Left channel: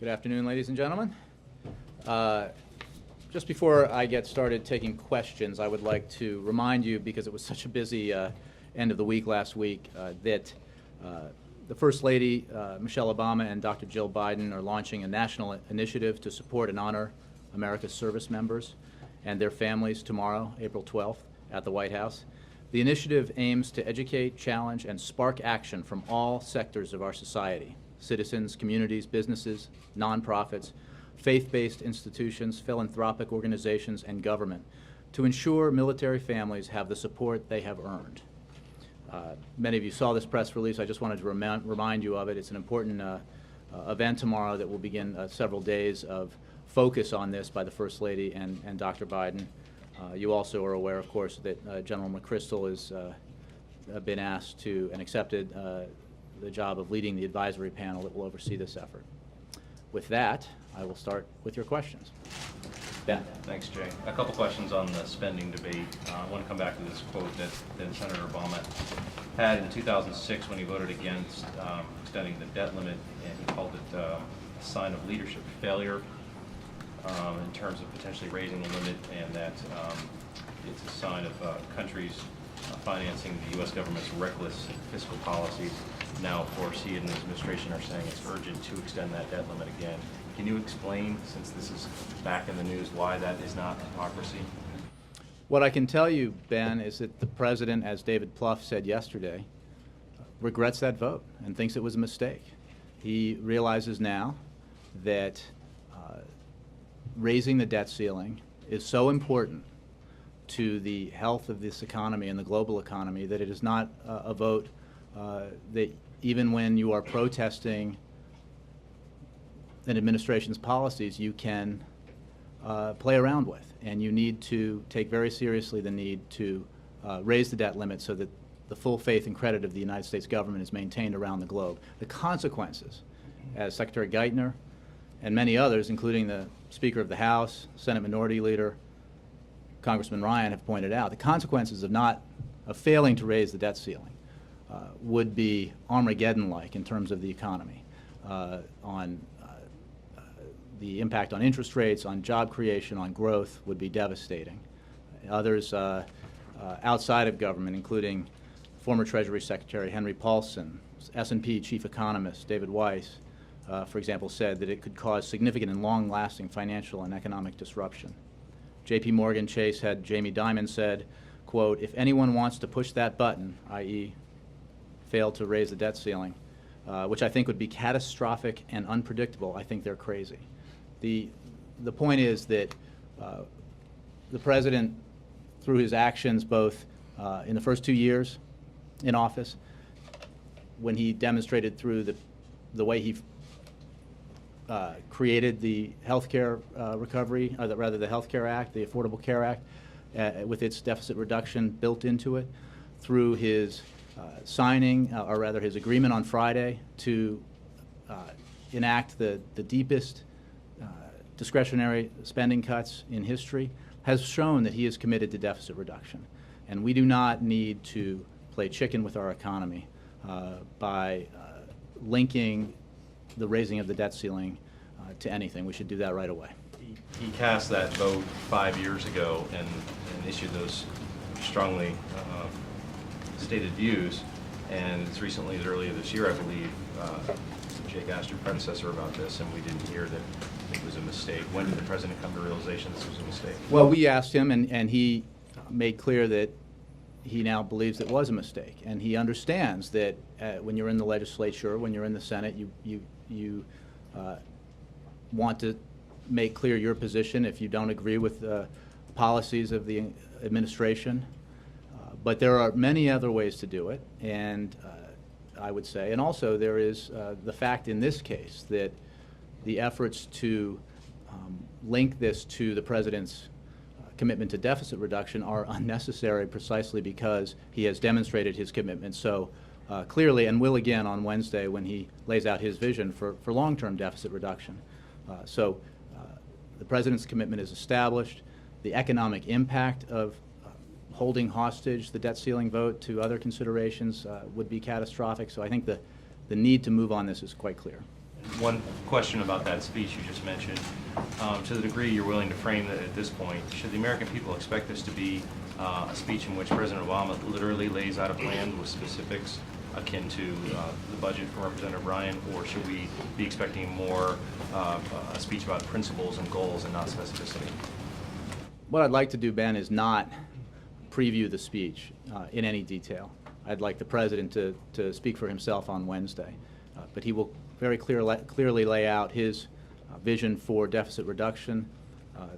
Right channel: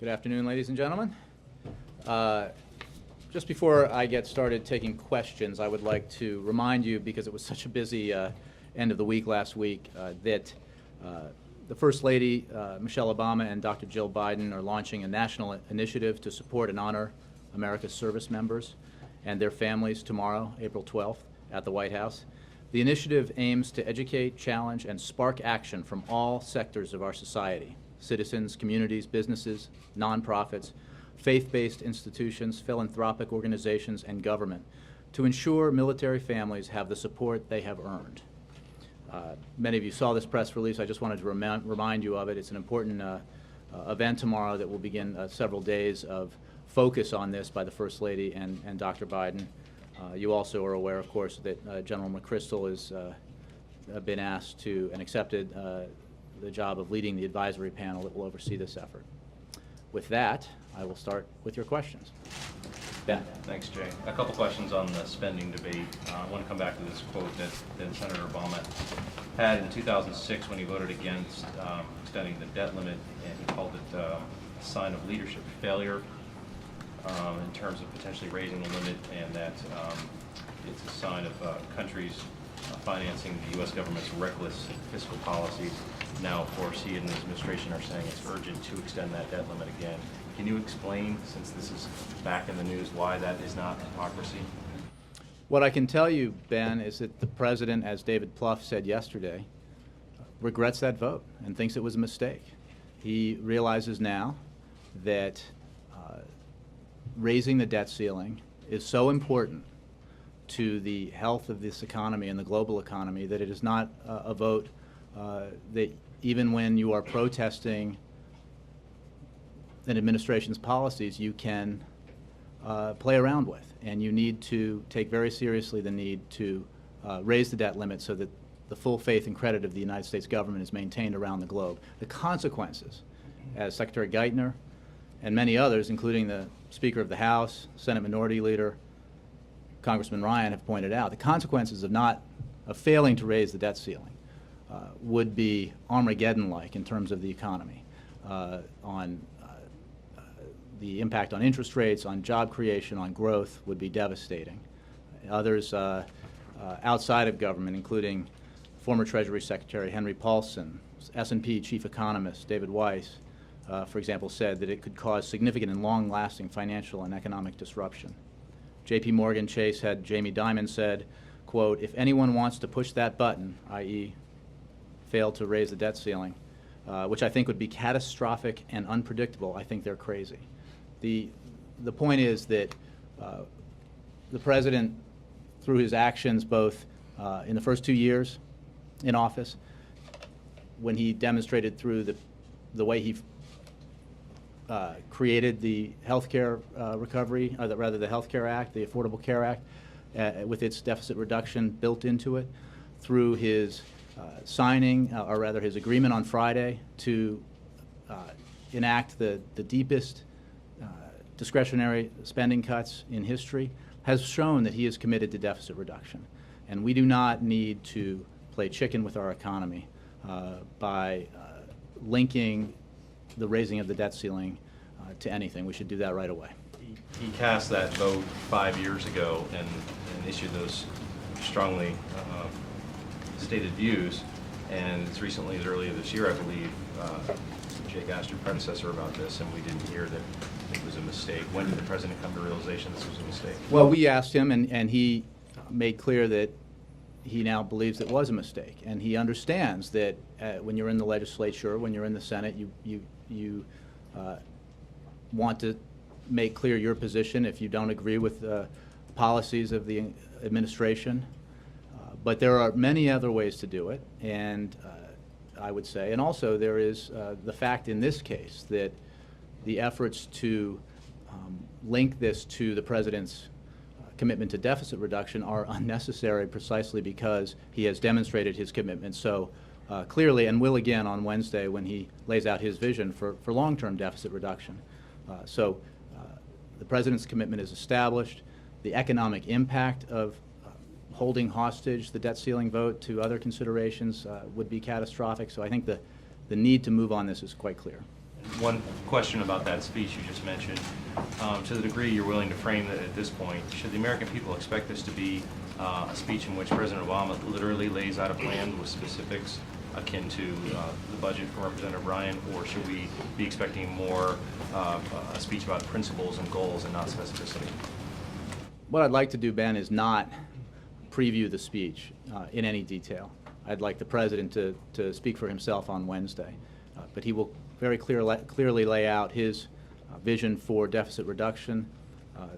Good afternoon, ladies and gentlemen. Just before I get started taking questions, I would like to remind you, because it was such a busy end of the week last week, that the First Lady, Michelle Obama, and Dr. Jill Biden are launching a national initiative to support and honor America's service members and their families tomorrow, April 12th, at the White House. The initiative aims to educate, challenge, and spark action from all sectors of our society: citizens, communities, businesses, nonprofits, faith-based institutions, philanthropic organizations, and government, to ensure military families have the support they have earned. Many of you saw this press release. I just wanted to remind you of it. It's an important event tomorrow that will begin several days of focus on this by the First Lady and Dr. Biden. You also are aware, of course, that General McChrystal has been asked to and accepted the job of leading the advisory panel that will oversee this effort. With that, I will start with your questions. Ben. Thanks, Jay. A couple questions on the spending debate. I want to come back to this quote that Senator Obama had in 2006 when he voted against extending the debt limit, and he called it a sign of leadership failure in terms of potentially raising the limit, and that it's a sign of countries financing the U.S. government's reckless fiscal policies. Now, of course, he and his administration are saying it's urgent to extend that debt limit again. Can you explain, since this is back in the news, why that is not hypocrisy? What I can tell you, Ben, is that the President, as David Plouffe said yesterday, regrets that vote and thinks it was a mistake. He realizes now that raising the debt ceiling is so important to the health of this economy and the global economy that it is not a vote that even when you are protesting an administration's policies, you can play around with. And you need to take very seriously the need to raise the debt limit so that the full faith and credit of the United States government is maintained around the globe. The consequences, as Secretary Geithner and many others, including the Speaker of the House, Senate Minority Leader, Congressman Ryan, have pointed out, the consequences of failing to raise the debt ceiling would be Armageddon-like in terms of the economy, on the impact on interest rates, on job creation, on growth would be devastating. Others outside of government, including former Treasury Secretary Henry Paulson, S&P chief economist David Weiss, for example, said that it could cause significant and long-lasting financial and economic disruption. J.P. Morgan Chase had Jamie Dimon said, quote, "If anyone wants to push that button," i.e. fail to raise the debt ceiling, which I think would be catastrophic and unpredictable, I think they're crazy. The point is that the President, through his actions both in the first 2 years in office, when he demonstrated through the way he created the health care recovery, or rather the Health Care Act, the Affordable Care Act, with its deficit reduction built into it, through his signing, or rather his agreement on Friday to enact the deepest discretionary spending cuts in history, has shown that he is committed to deficit reduction. And we do not need to play chicken with our economy by linking the raising of the debt ceiling to anything. We should do that right away. He cast that vote 5 years ago and issued those strongly stated views, and it's recently, as earlier this year, I believe, Jake asked your predecessor about this, and we didn't hear that it was a mistake. When did the President come to realization this was a mistake? Well, we asked him, and he made clear that he now believes it was a mistake, and he understands that when you're in the legislature, when you're in the Senate, you want to make clear your position if you don't agree with the policies of the administration. But there are many other ways to do it, and I would say, and also there is the fact in this case that the efforts to link this to the President's commitment to deficit reduction are unnecessary precisely because he has demonstrated his commitment so clearly, and will again on Wednesday when he lays out his vision for long-term deficit reduction. So the President's commitment is established. The economic impact of holding hostage the debt ceiling vote to other considerations would be catastrophic. So I think the need to move on this is quite clear. One question about that speech you just mentioned. To the degree you're willing to frame that at this point, should the American people expect this to be a speech in which President Obama literally lays out a plan with specifics akin to the budget from Representative Ryan, or should we be expecting more a speech about principles and goals and not specificity? What I'd like to do, Ben, is not preview the speech in any detail. I'd like the President to speak for himself on Wednesday, but he will very clearly lay out his vision for deficit reduction,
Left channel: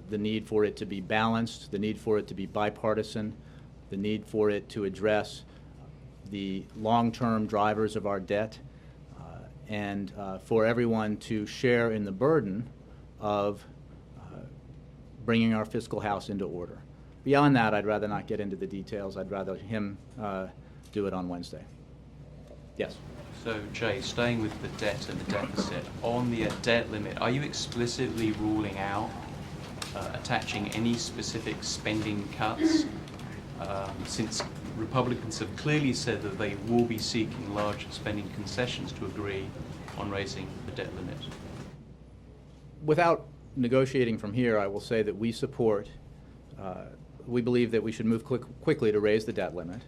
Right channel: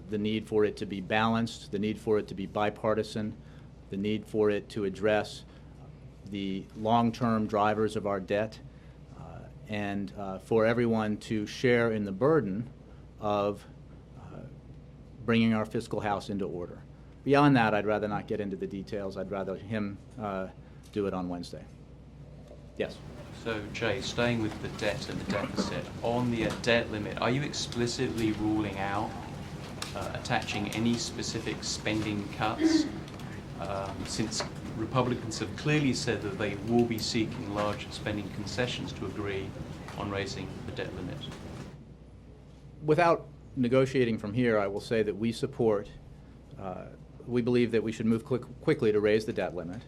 the need for it to be balanced, the need for it to be bipartisan, the need for it to address the long-term drivers of our debt, and for everyone to share in the burden of bringing our fiscal house into order. Beyond that, I'd rather not get into the details. I'd rather him do it on Wednesday. Yes? So, Jay, staying with the debt and the deficit, on the debt limit, are you explicitly ruling out attaching any specific spending cuts, since Republicans have clearly said that they will be seeking large spending concessions to agree on raising the debt limit? Without negotiating from here, I will say that we support, we believe that we should move quickly to raise the debt limit,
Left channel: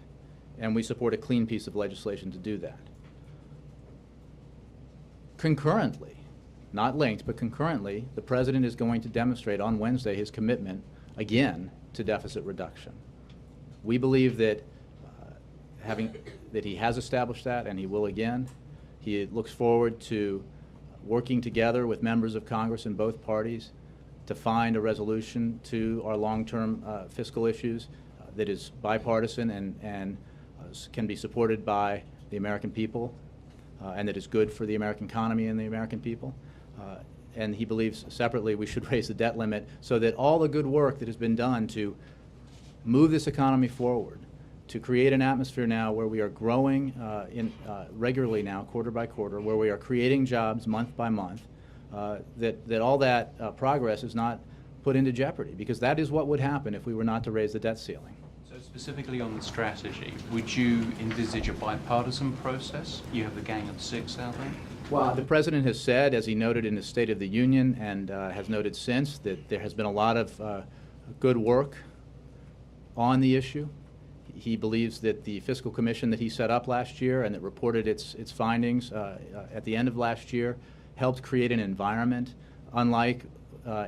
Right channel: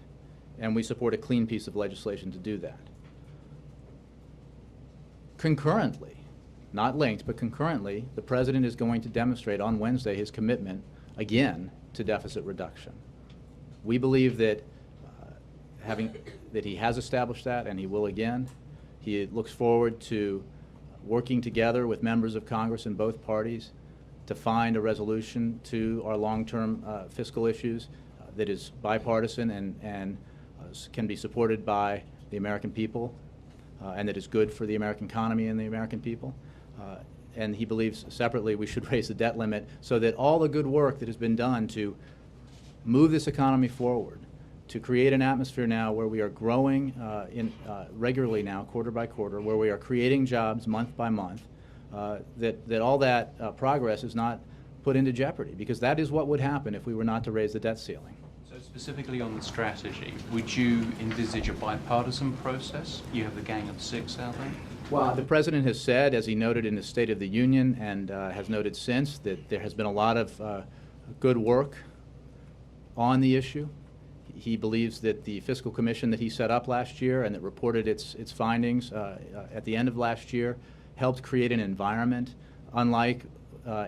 and we support a clean piece of legislation to do that. Concurrently, not linked, but concurrently, the President is going to demonstrate on Wednesday his commitment, again, to deficit reduction. We believe that that he has established that, and he will again. He looks forward to working together with members of Congress in both parties to find a resolution to our long-term fiscal issues that is bipartisan and can be supported by the American people, and that is good for the American economy and the American people. And he believes separately we should raise the debt limit so that all the good work that has been done to move this economy forward, to create an atmosphere now where we are growing regularly now, quarter by quarter, where we are creating jobs month by month, that all that progress is not put into jeopardy, because that is what would happen if we were not to raise the debt ceiling. So specifically on the strategy, would you envisage a bipartisan process? You have the Gang of Six out there. Well, the President has said, as he noted in his State of the Union and has noted since, that there has been a lot of good work on the issue. He believes that the fiscal commission that he set up last year and that reported its findings at the end of last year helped create an environment unlike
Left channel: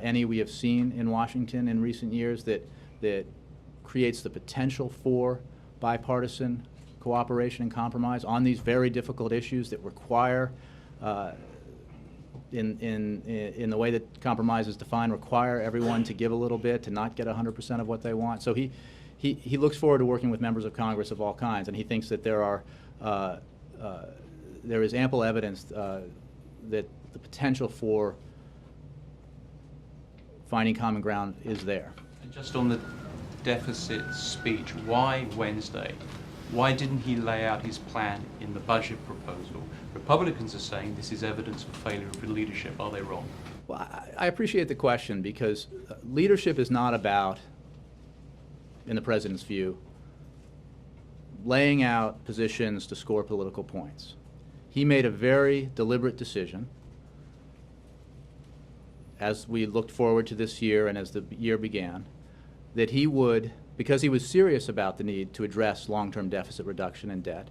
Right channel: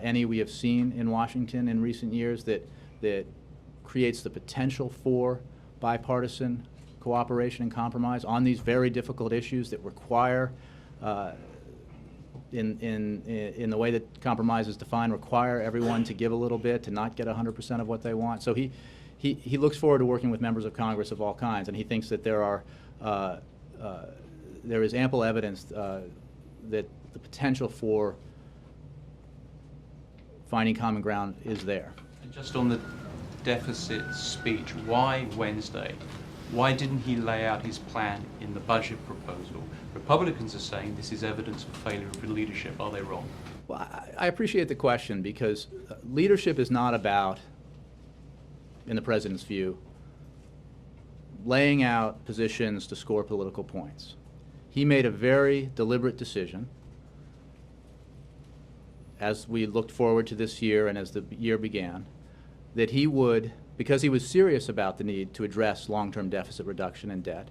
any we have seen in Washington in recent years that creates the potential for bipartisan cooperation and compromise on these very difficult issues that require, in the way that compromise is defined, require everyone to give a little bit, to not get 100% of what they want. So he looks forward to working with members of Congress of all kinds, and he thinks that there is ample evidence that the potential for finding common ground is there. And just on the deficit speech, why Wednesday? Why didn't he lay out his plan in the budget proposal? Republicans are saying this is evidence of failure of leadership. Are they wrong? Well, I appreciate the question, because leadership is not about, in the President's view, laying out positions to score political points. He made a very deliberate decision as we looked forward to this year and as the year began, that he would, because he was serious about the need to address long-term deficit reduction and debt,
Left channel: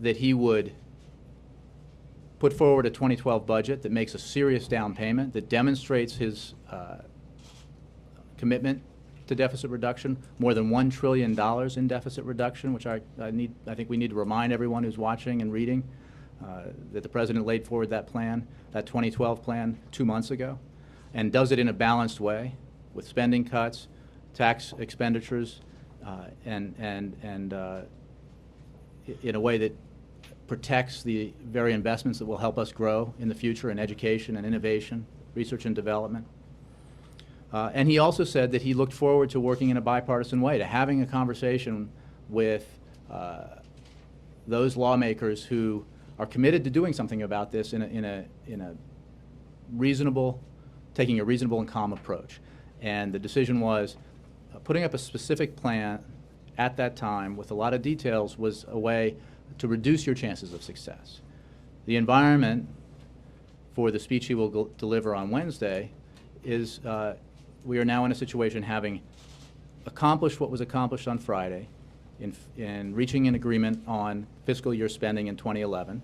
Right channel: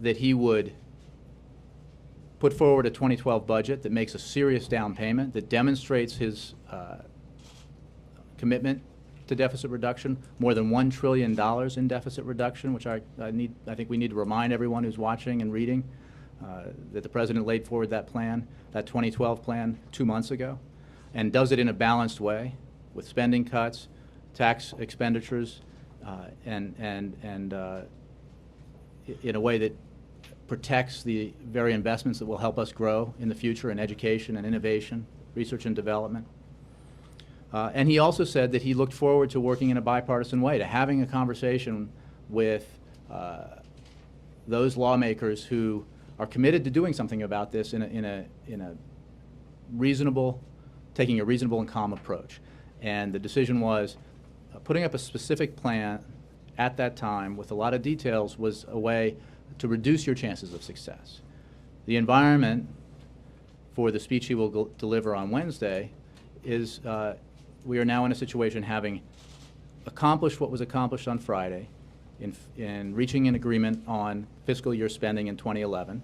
that he would put forward a 2012 budget that makes a serious down payment, that demonstrates his commitment to deficit reduction, more than $1 trillion in deficit reduction, which I think we need to remind everyone who's watching and reading that the President laid forward that plan, that 2012 plan, 2 months ago, and does it in a balanced way with spending cuts, tax expenditures, and in a way that protects the very investments that will help us grow in the future in education and innovation, research and development. And he also said that he looked forward to working in a bipartisan way, to having a conversation with those lawmakers who are committed to doing something about this in a reasonable, taking a reasonable and calm approach. And the decision was putting up a specific plan at that time with a lot of details was a way to reduce your chances of success. The environment for the speech he will deliver on Wednesday is we are now in a situation, having accomplished what was accomplished on Friday in reaching an agreement on fiscal year spending in 2011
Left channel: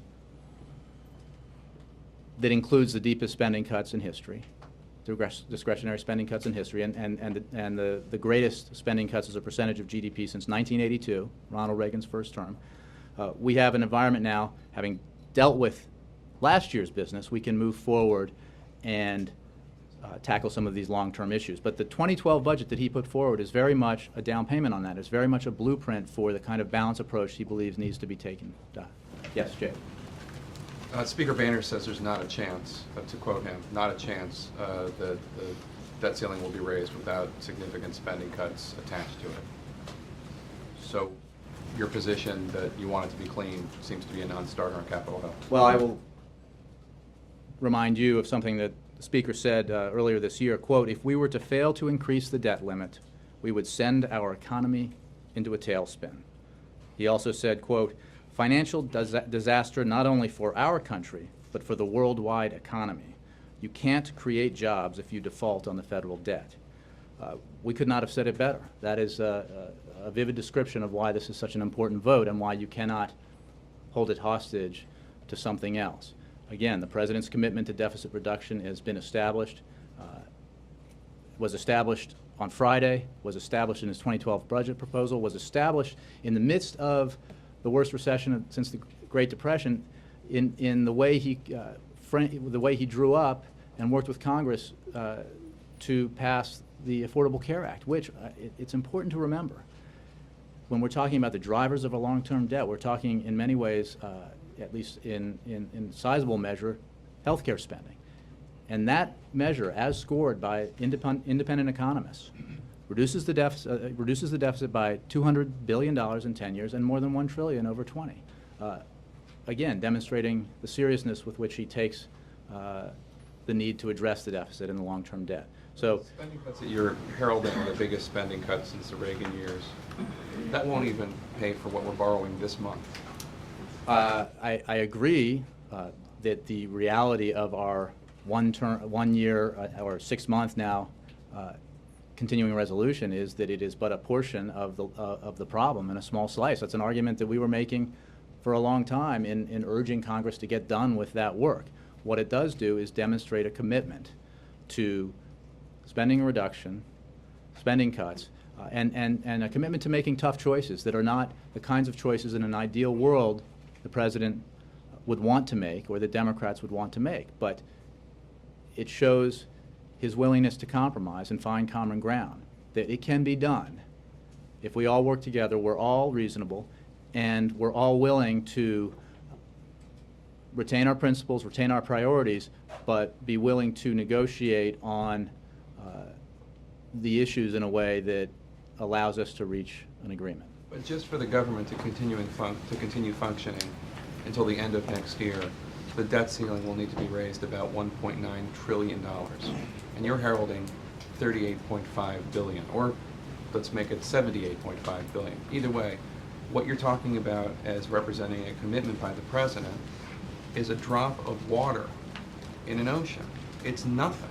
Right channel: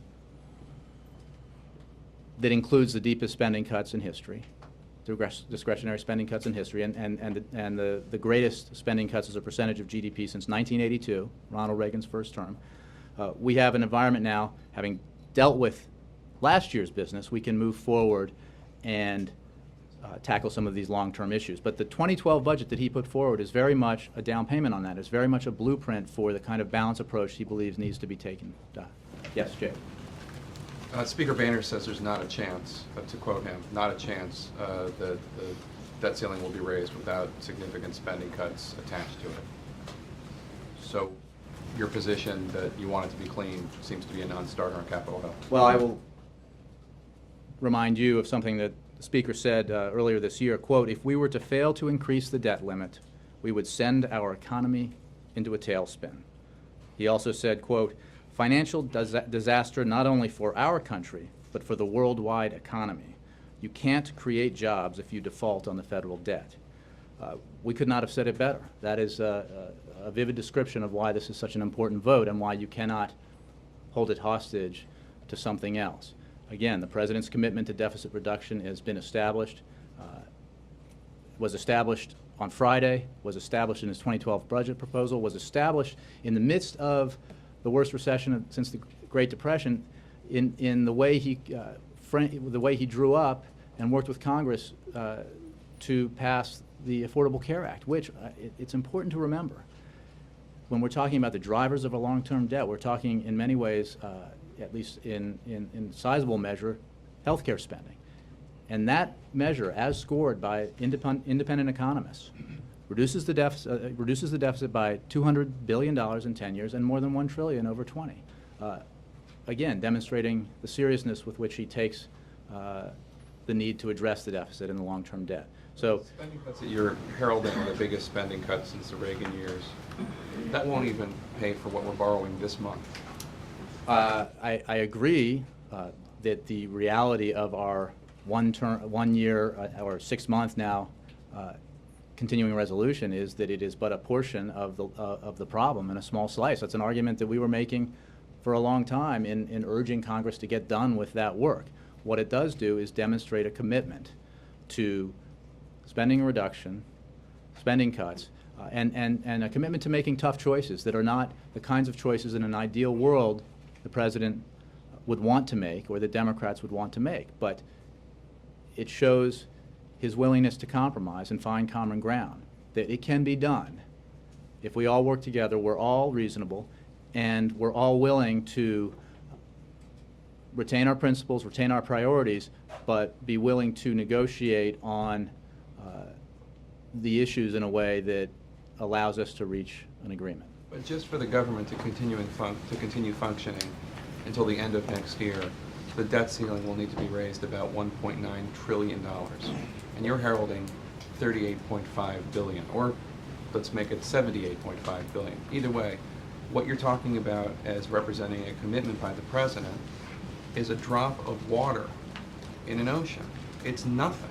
that includes the deepest spending cuts in history, discretionary spending cuts in history, and the greatest spending cuts as a percentage of GDP since 1982, Ronald Reagan's first term. We have an environment now, having dealt with last year's business, we can move forward and tackle some of these long-term issues. But the 2012 budget that he put forward is very much a down payment on that. It's very much a blueprint for the kind of balanced approach he believes needs to be taken. Yes, Jay. Speaker Boehner says there's not a chance, to quote him, not a chance the debt ceiling will be raised without significant spending cuts attached to it. So your position that you want it to be clean seems to be a non-starter on Capitol Hill. Well, I will remind you of something that the Speaker said earlier this year, quote, "If we were to fail to increase the debt limit, we would send our economy into a tailspin." He also said, quote, "Financial disaster not only for our country, but for the worldwide economy. You can't create jobs if you default on the federal debt." We could not have said it better. That is a vivid description of why this is such an important vote and why you cannot hold it hostage to something else. Again, the President's commitment to deficit reduction has been established, was established on Friday, was established in his 2012 budget proposal, was established in the midst of the worst recession since the Great Depression, in the way he drew up and worked with Congress to pass the Affordable Care Act, which it's important to remember. When we're talking about the drivers of a long-term debt, we're talking in many ways, at least in sizable measure, healthcare spending. And that measure, as scored by independent economists, reduces the deficit by $200 billion in 10 years and more than $1 trillion over 20. Again, demonstrating the seriousness with which he takes the need to address the deficit and the long-term debt. So, spending cuts that you're heralding are the biggest spending cuts since the Reagan years. That won't even pay for what we're borrowing this month. I agree that the reality of our 1 year or 6 month now continuing resolution is that it is but a portion of the problem and a small slice. That's an argument that we were making for a long time in urging Congress to get done with that work. What it does do is demonstrate a commitment to spending reduction, spending cuts, and a commitment to making tough choices that are not the kinds of choices in an ideal world the President would want to make or the Democrats would want to make. But it shows his willingness to compromise and find common ground, that it can be done. If we all work together, we're all reasonable, and we're all willing to retain our principles, retain our priorities, but be willing to negotiate on the issues in a way that allows us to reach an agreement. But just for the government to continue functioning until the end of next year, the debt ceiling will need to be raised about $1.9 trillion. And you're heralding $38.5 billion, or let's make it $78.5 billion. Either way, what you're talking about as representing a commitment by the President is a drop of water in an ocean. It's nothing.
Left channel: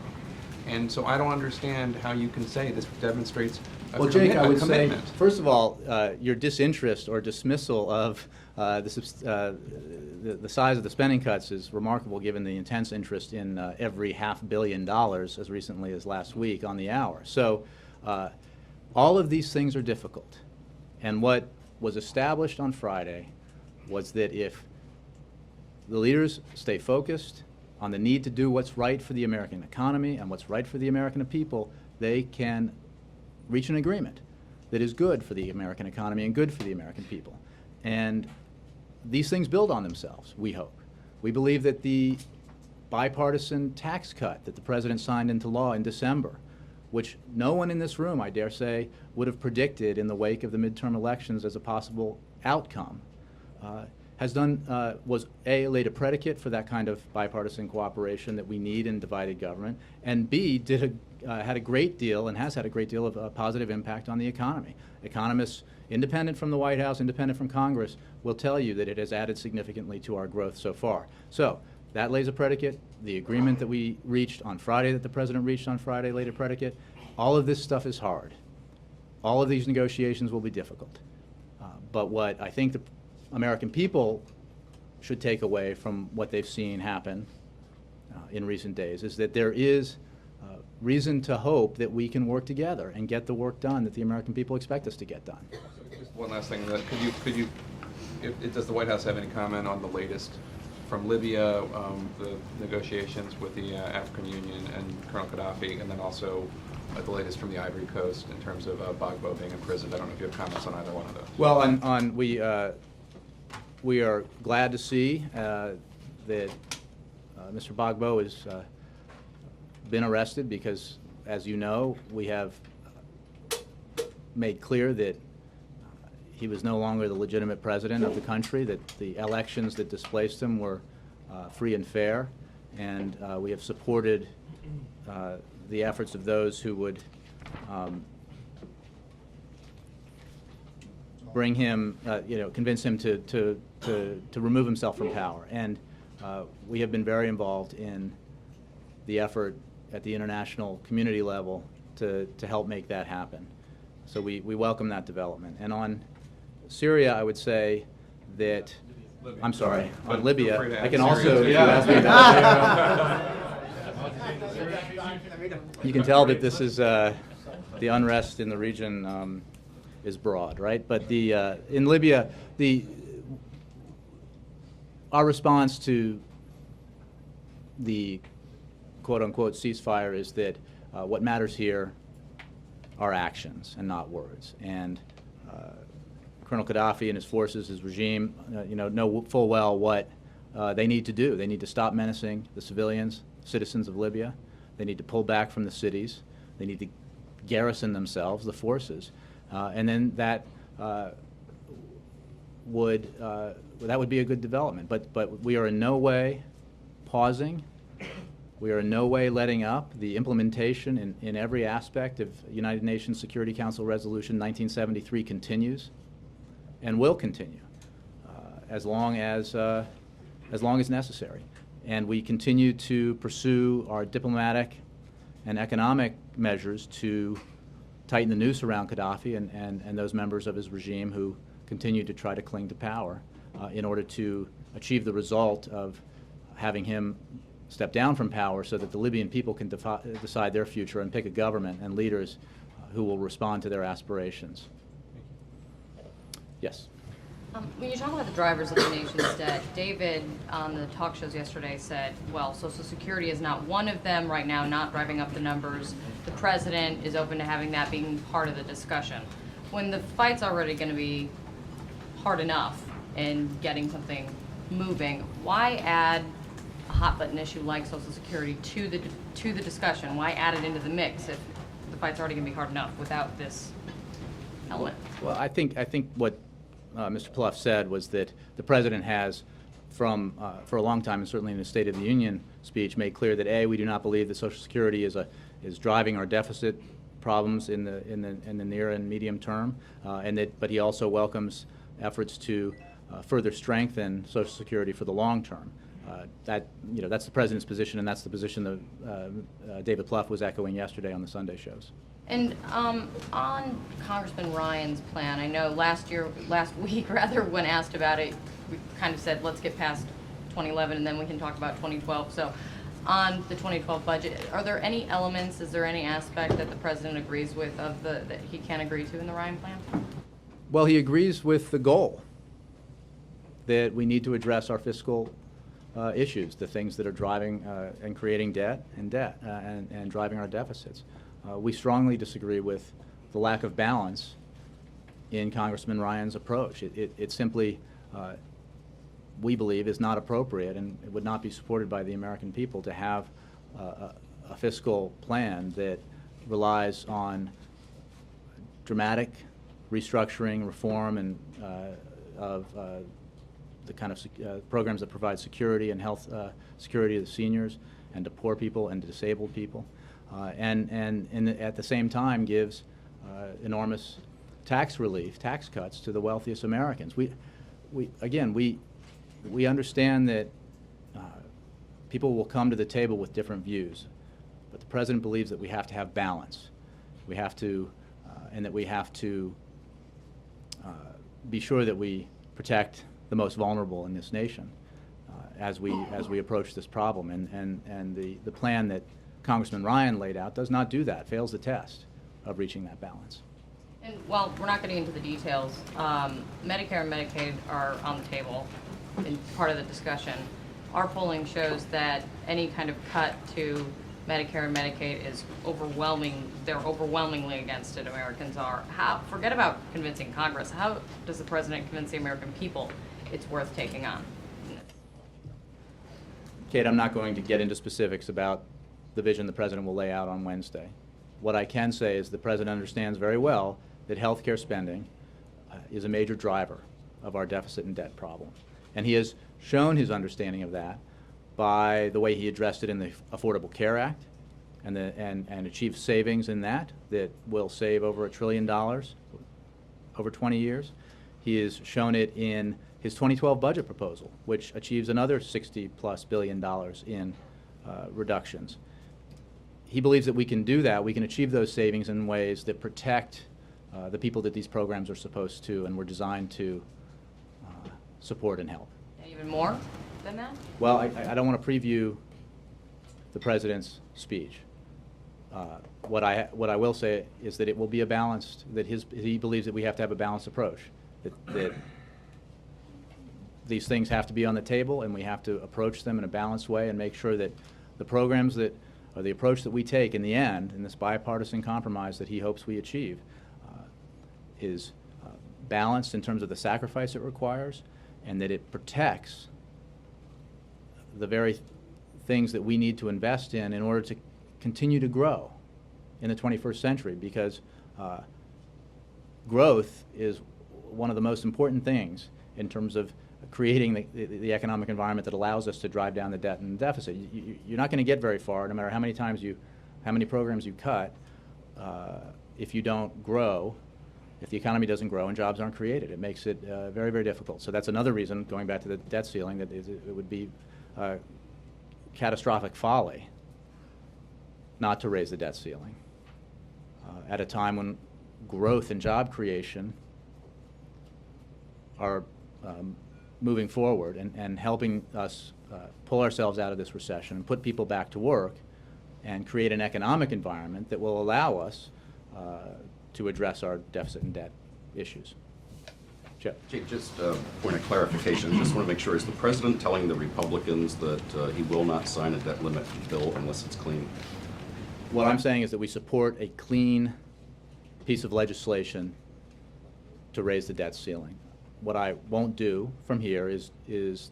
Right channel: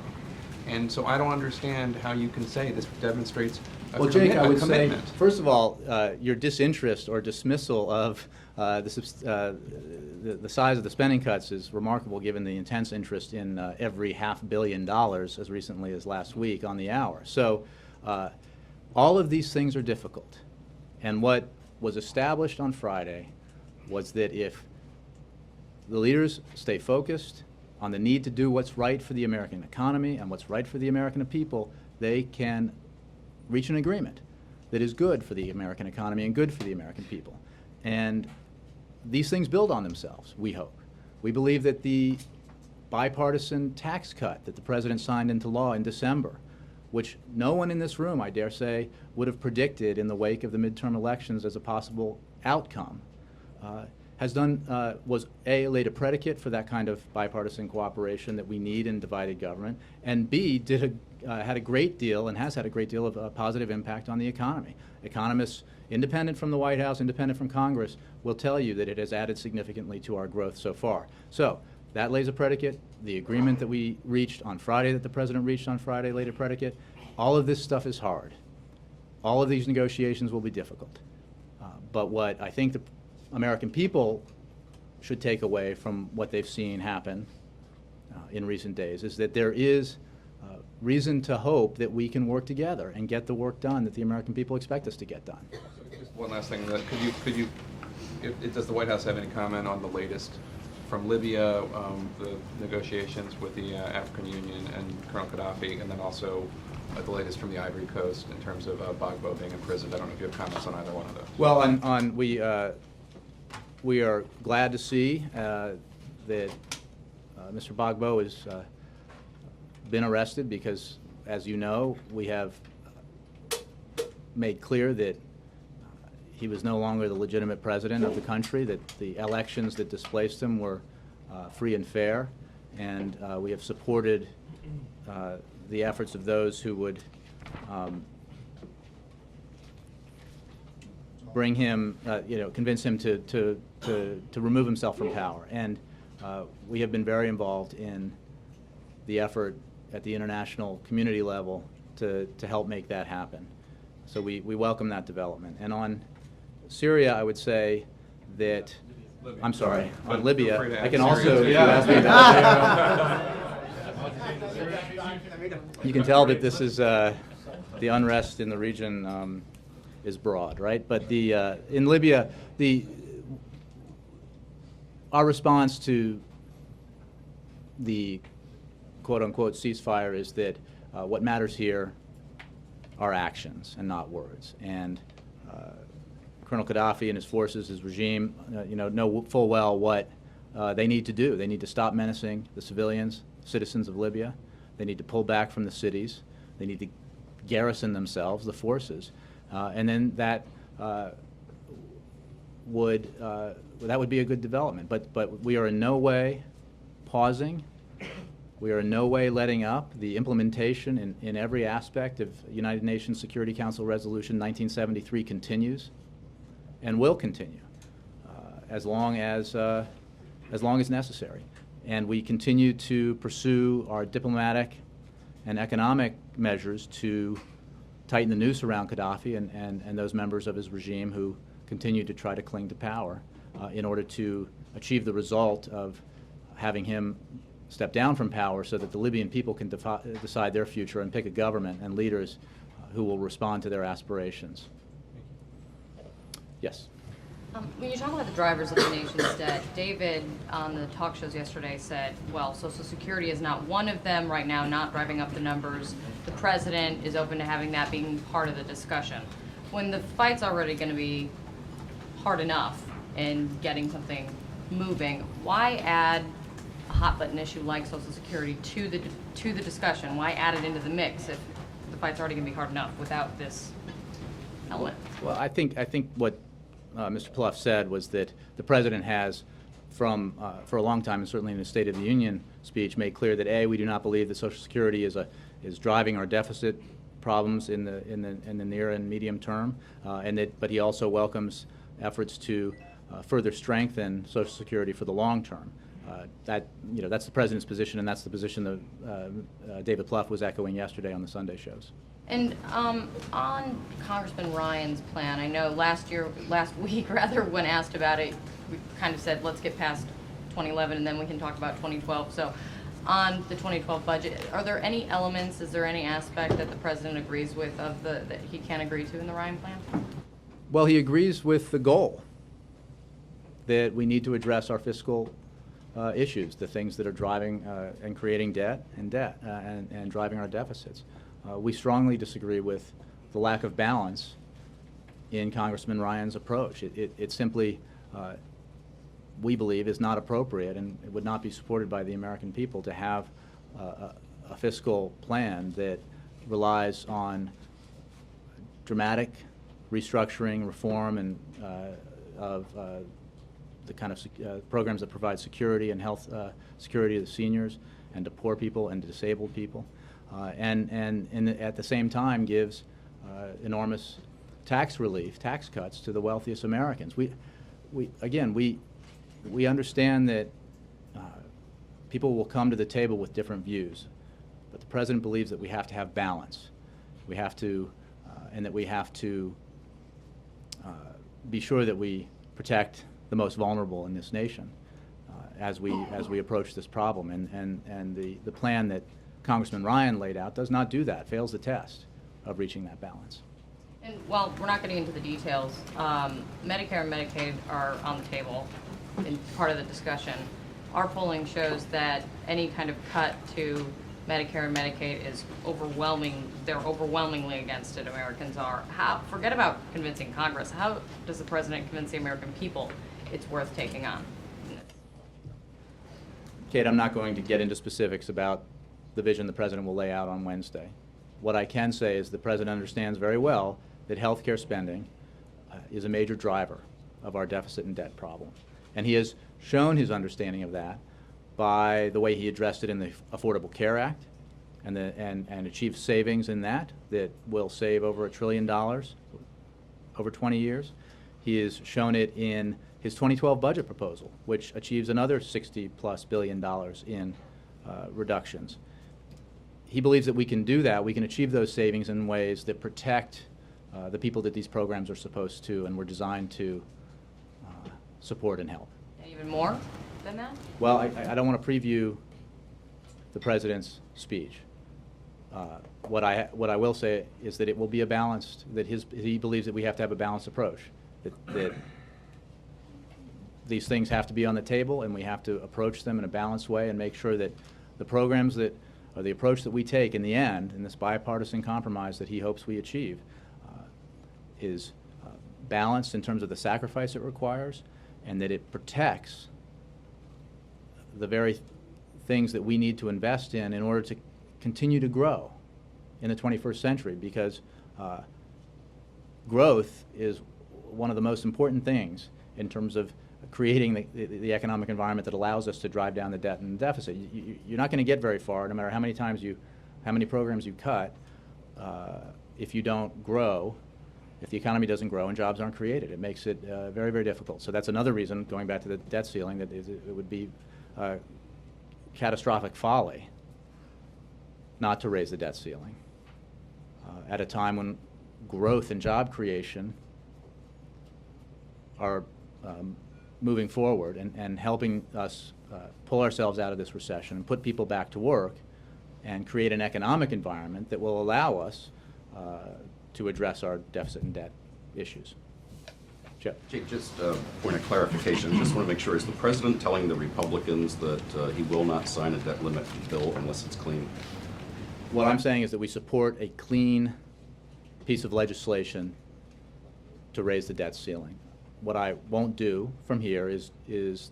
And so I don't understand how you can say this demonstrates a Well, Jake, I would say, commitment. first of all, your disinterest or dismissal of the size of the spending cuts is remarkable given the intense interest in every $500 million as recently as last week on the hour. So all of these things are difficult. And what was established on Friday was that if the leaders stay focused on the need to do what's right for the American economy and what's right for the American people, they can reach an agreement that is good for the American economy and good for the American people. And these things build on themselves, we hope. We believe that the bipartisan tax cut that the President signed into law in December, which no one in this room, I dare say, would have predicted in the wake of the midterm elections as a possible outcome, was A, laid a predicate for that kind of bipartisan cooperation that we need in divided government, and B, had a great deal and has had a great deal of positive impact on the economy. Economists, independent from the White House, independent from Congress, will tell you that it has added significantly to our growth so far. So that lays a predicate. the agreement that we reached on Friday, that the President reached on Friday, later predicate. All of this stuff is hard. All of these negotiations will be difficult. But what I think the American people should take away from what they've seen happen in recent days is that there is reason to hope that we can work together and get the work done that the American people expect us to get done. Just one last thing. Does the White House have any comment on the latest from Libya, the negotiations with the African Union and Colonel Gaddafi, and then also the latest from the Ivory Coast in terms of Gbagbo being imprisoned? I don't know if you have comments on either one of those. Well, we are glad to see that Mr. Gbagbo has been arrested because, as you know, we have made clear that he was no longer the legitimate president of the country, that the elections that displaced him were free and fair, and we have supported the efforts of those who would bring him, convince him to remove himself from power. And we have been very involved in the effort at the international community level to help make that happen. So we welcome that development. And on Syria, I would say that, Libya. I'm sorry, But on feel free Libya, to I add can Syria also, too. if you ask me about you can tell that this is, the unrest in the region is broad, right? But in Libya, our response to the quote-unquote ceasefire is that what matters here are actions and not words. And Colonel Gaddafi and his forces, his regime, know full well what they need to do. They need to stop menacing the citizens of Libya. They need to pull back from the cities. They need to garrison themselves, the forces, and then that would be a good development. But we are in no way pausing. We are in no way letting up. The implementation in every aspect of United Nations Security Council Resolution 1973 continues and will continue as long as necessary. And we continue to pursue our diplomatic and economic measures to tighten the noose around Gaddafi and those members of his regime who continue to try to cling to power in order to achieve the result of having him step down from power so that the Libyan people can decide their future and pick a government and leaders who will respond to their aspirations. Yes? When you talk about the drivers of the nation's debt, David on the talk shows yesterday said, well, Social Security is not one of them right now, not driving up the numbers. The president is open to having that being part of the discussion. When the fight's already going to be hard enough in getting something moving, why add a hot button issue like Social Security to the discussion? Why add it into the mix if the fight's already going to be hard enough without this element? Well, I think what Mr. Plouffe said was that the president has, for a long time, and certainly in his State of the Union speech, made clear that A, we do not believe that Social Security is driving our deficit problems in the near and medium term, but he also welcomes efforts to further strengthen Social Security for the long term. That's the president's position, and that's the position that David Plouffe was echoing yesterday on the Sunday shows. And on Congressman Ryan's plan, I know last week, when asked about it, we kind of said, let's get past 2011 and then we can talk about 2012. So on the 2012 budget, are there any elements, is there any aspect that the president agrees with that he can agree to in the Ryan plan? Well, he agrees with the goal that we need to address our fiscal issues, the things that are driving and creating debt and driving our deficits. We strongly disagree with the lack of balance in Congressman Ryan's approach. It simply, we believe, is not appropriate, and it would not be supported by the American people to have a fiscal plan that relies on dramatic restructuring, reform, and of the kind of programs that provide security and health security to the seniors and to poor people and to disabled people. And at the same time gives enormous tax relief, tax cuts to the wealthiest Americans. We understand that people will come to the table with different views, but the president believes that we have to have balance. We have to, and that we have to be sure that we protect the most vulnerable in this nation as we approach this problem. And the plan that Congressman Ryan laid out does not do that, fails the test of reaching that balance. And while we're not getting into the details, Medicare and Medicaid are on the table in part of the discussion. Our polling shows that any kind of cut to Medicare and Medicaid is overwhelming. They're overwhelmingly against it. Americans are. Forget about convincing Congress. How does the president convince the American people it's worth taking on? Kate, I'm not going to get into specifics about the vision the president will lay out on Wednesday. What I can say is the president understands very well that health care spending is a major driver of our deficit and debt problem. And he has shown his understanding of that by the way he addressed it in the Affordable Care Act and achieved savings in that will save over $1 trillion over 20 years. He has shown it in his 2012 budget proposal, which achieves another $60+ billion in reductions. He believes that we can do that. We can achieve those savings in ways that protect the people that these programs are supposed to and were designed to support and help. Even more than that? Well, I don't want to preview the president's speech. What I will say is that it will be a balanced, that he believes that we have to have a balanced approach, that these things have to be on the table and we have to approach them in a balanced way and make sure that the programs that, or the approach that we take in the end, in this bipartisan compromise that he hopes we achieve, is balanced in terms of the sacrifice it requires, and that it protects the very things that we need to invest in order to continue to grow in the 21st century, because growth is one of the most important things in terms of creating the economic environment that allows us to drive down the debt and deficit. You're not going to get very far, no matter how many programs you cut, if you don't grow, if the economy doesn't grow and jobs aren't created. It makes it very, very difficult. So that's another reason, going back to the debt ceiling, that it would be catastrophic folly not to raise the debt ceiling at a time when growth and job creation are moving forward and helping us pull ourselves out of this recession and put people back to work and create an economic environment that will allow us to address our deficit and debt issues. Jeff. Jake, just a point of clarification. Just want to make sure, is the president telling the Republicans that he will not sign a debt limit bill unless it's clean? What I'm saying is that we support a clean piece of legislation to raise the debt ceiling. What I won't do from here is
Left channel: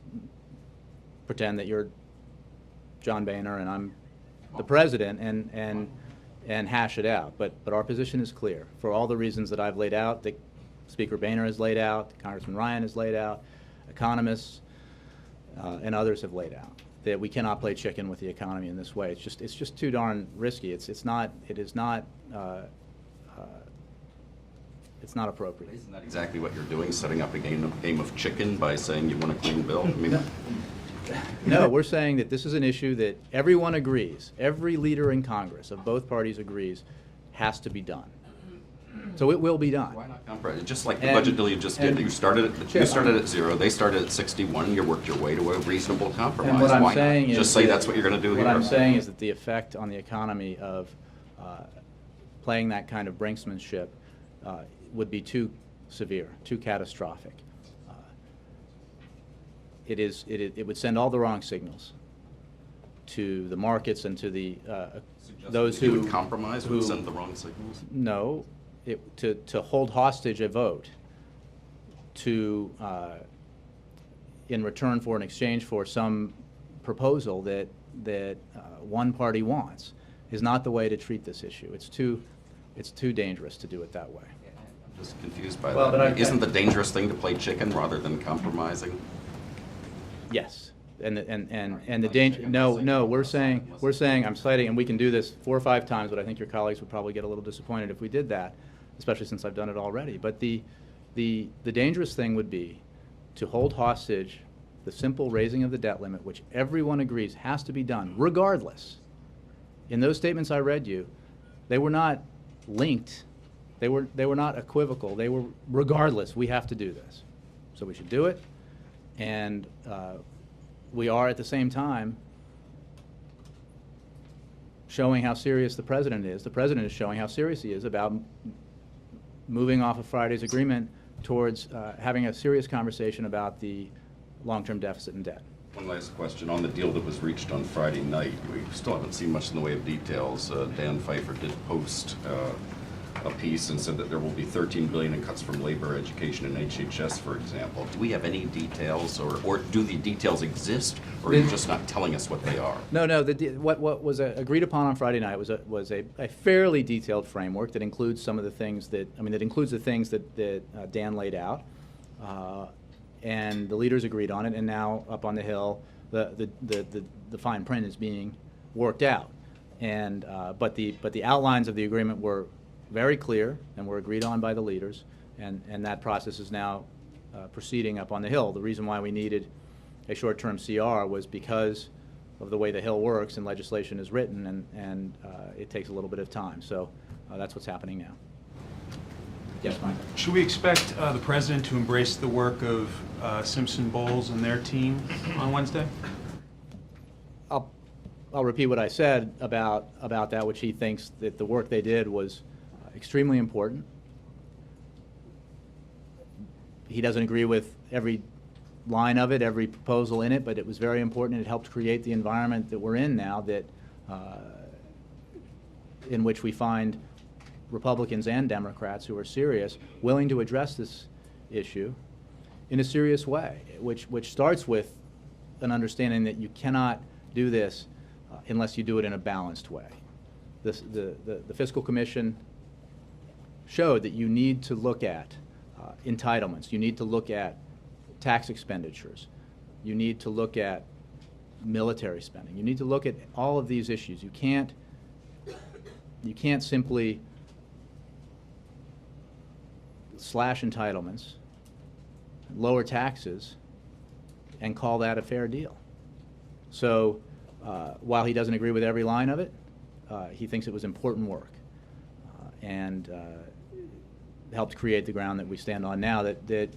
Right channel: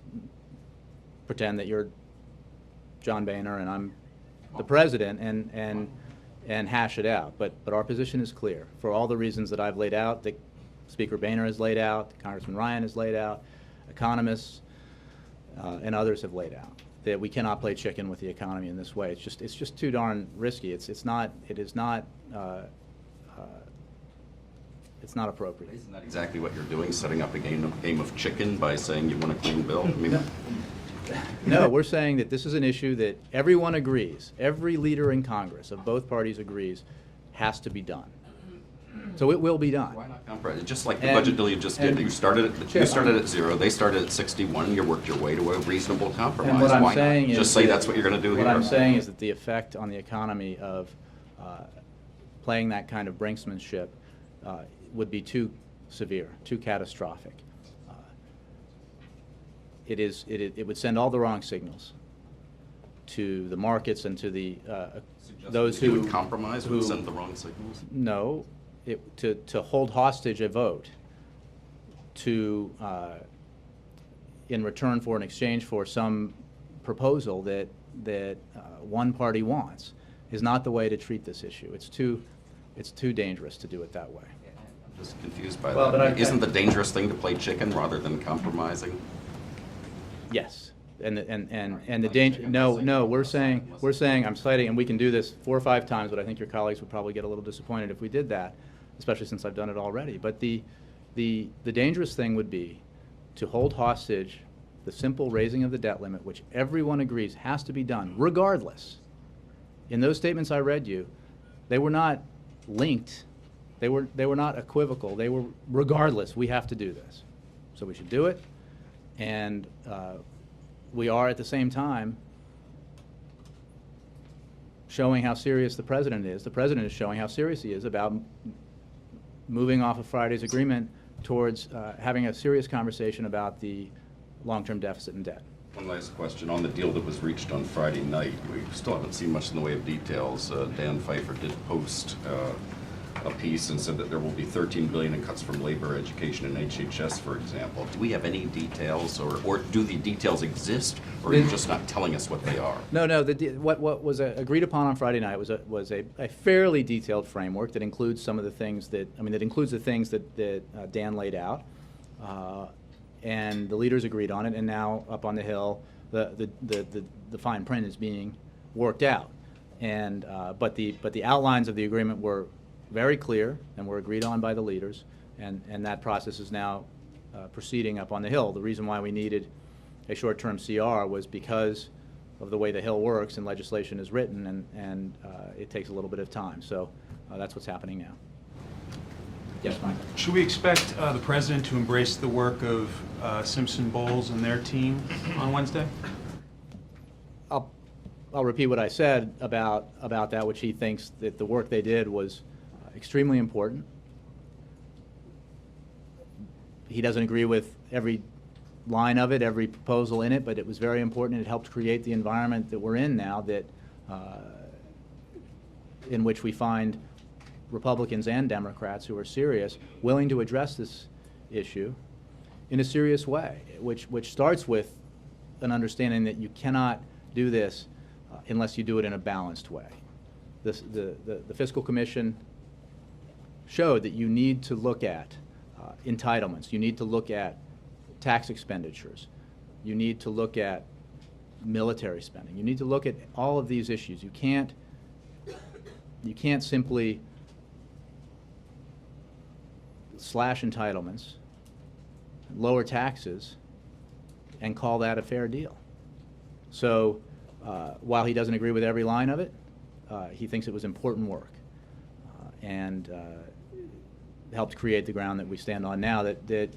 pretend that you're John Boehner and I'm the president and hash it out. But our position is clear for all the reasons that I've laid out, that Speaker Boehner has laid out, Congressman Ryan has laid out, economists and others have laid out, that we cannot play chicken with the economy in this way. It's just too darn risky. It is not appropriate. Isn't that exactly what you're doing, setting up a game of chicken by saying you want a clean bill? I mean, no, we're saying that this is an issue that everyone agrees, every leader in Congress of both parties agrees has to be done. So it will be done. why not compromise? Just like the budget deal you just did. You started at 0, they started at 61, you worked your way to a reasonable compromise. And what I'm Why saying not? is Just say that- that's what you're going to do here. What I'm saying is that the effect on the economy of playing that kind of brinksmanship would be too severe, too catastrophic. It would send all the wrong signals to the markets and to the those you who would compromise would send the wrong signals. No, to hold hostage a vote to in return for an exchange for some proposal that one party wants is not the way to treat this issue. It's too dangerous to do it that way. I'm just confused by Well, that. but Isn't the dangerous thing to play chicken rather than compromising? Yes, and the danger. No, we're saying I'm citing, and we can do this 4 or 5 times, but I think your colleagues would probably get a little disappointed if we did that, especially since I've done it already. But the dangerous thing would be to hold hostage the simple raising of the debt limit, which everyone agrees has to be done, regardless. In those statements I read you, they were not linked. They were not equivocal. They were, regardless, we have to do this. So we should do it. And we are at the same time showing how serious the president is. The president is showing how serious he is about moving off of Friday's agreement towards having a serious conversation about the long-term deficit and debt. One last question. On the deal that was reached on Friday night, we still haven't seen much in the way of details. Dan Pfeiffer did post a piece and said that there will be $13 billion in cuts from labor, education, and HHS, for example. Do we have any details, or do the details exist, or are you just not telling us what they are? No. What was agreed upon on Friday night was a fairly detailed framework that includes some of the things that includes the things that Dan laid out, and the leaders agreed on it. And now up on the Hill, the fine print is being worked out. And but the outlines of the agreement were very clear and were agreed on by the leaders, and that process is now proceeding up on the Hill. The reason why we needed a short-term CR was because of the way the Hill works and legislation is written, and it takes a little bit of time. So that's what's happening now. Yes, Mike? Should we expect the president to embrace the work of Simpson Bowles and their team on Wednesday? I'll repeat what I said about that, which he thinks that the work they did was extremely important. He doesn't agree with every line of it, every proposal in it, but it was very important, and it helped create the environment that we're in now, that in which we find Republicans and Democrats who are serious, willing to address this issue in a serious way, which starts with an understanding that you cannot do this unless you do it in a balanced way. The Fiscal Commission showed that you need to look at entitlements, you need to look at tax expenditures, you need to look at military spending, you need to look at all of these issues. You can't simply slash entitlements, lower taxes, and call that a fair deal. So while he doesn't agree with every line of it, he thinks it was important work, and helped create the ground that we stand on now, that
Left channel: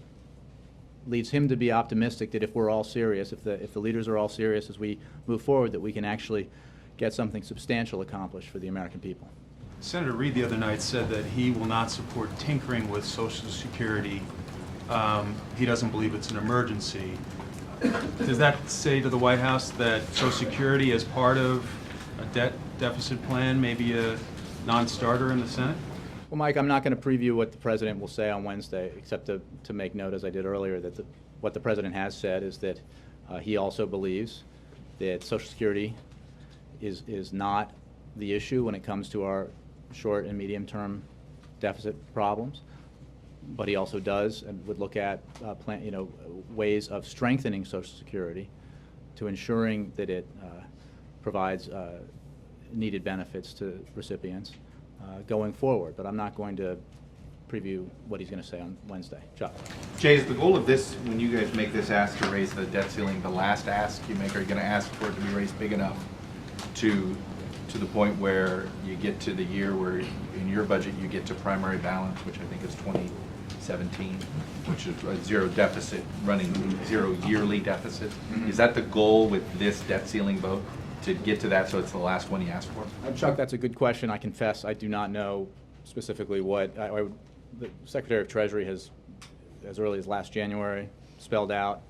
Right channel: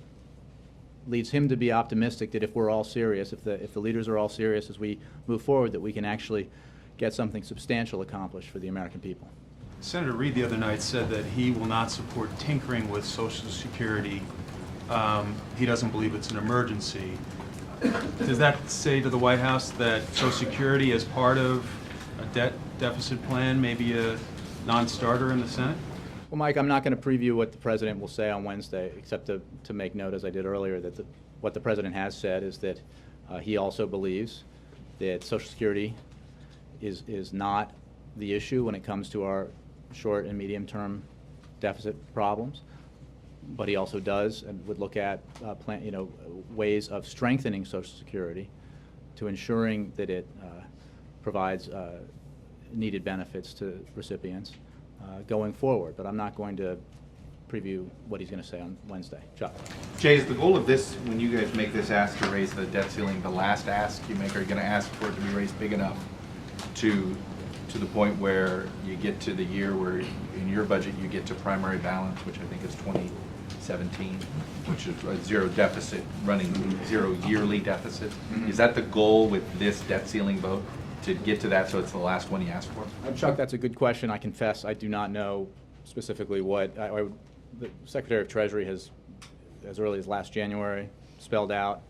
leads him to be optimistic that if we're all serious, if the leaders are all serious as we move forward, that we can actually get something substantial accomplished for the American people. Senator Reid the other night said that he will not support tinkering with Social Security. He doesn't believe it's an emergency. Does that say to the White House that Social Security, as part of a debt deficit plan, may be a non-starter in the Senate? Well, Mike, I'm not going to preview what the president will say on Wednesday, except to make note, as I did earlier, that what the president has said is that he also believes that Social Security is not the issue when it comes to our short and medium-term deficit problems. But he also does and would look at ways of strengthening Social Security to ensuring that it provides needed benefits to recipients going forward. But I'm not going to preview what he's going to say on Wednesday. Chuck. Jay, is the goal of this, when you guys make this ask to raise the debt ceiling, the last ask you make, are you going to ask for it to be raised big enough to the point where you get to the year where in your budget you get to primary balance, which I think is 2017, which is a zero deficit, running zero yearly deficit? Mm-hmm. Is that the goal with this debt ceiling vote, to get to that so it's the last one you ask for? Chuck, that's a good question. I confess I do not know specifically what the Secretary of Treasury has, as early as last January, spelled out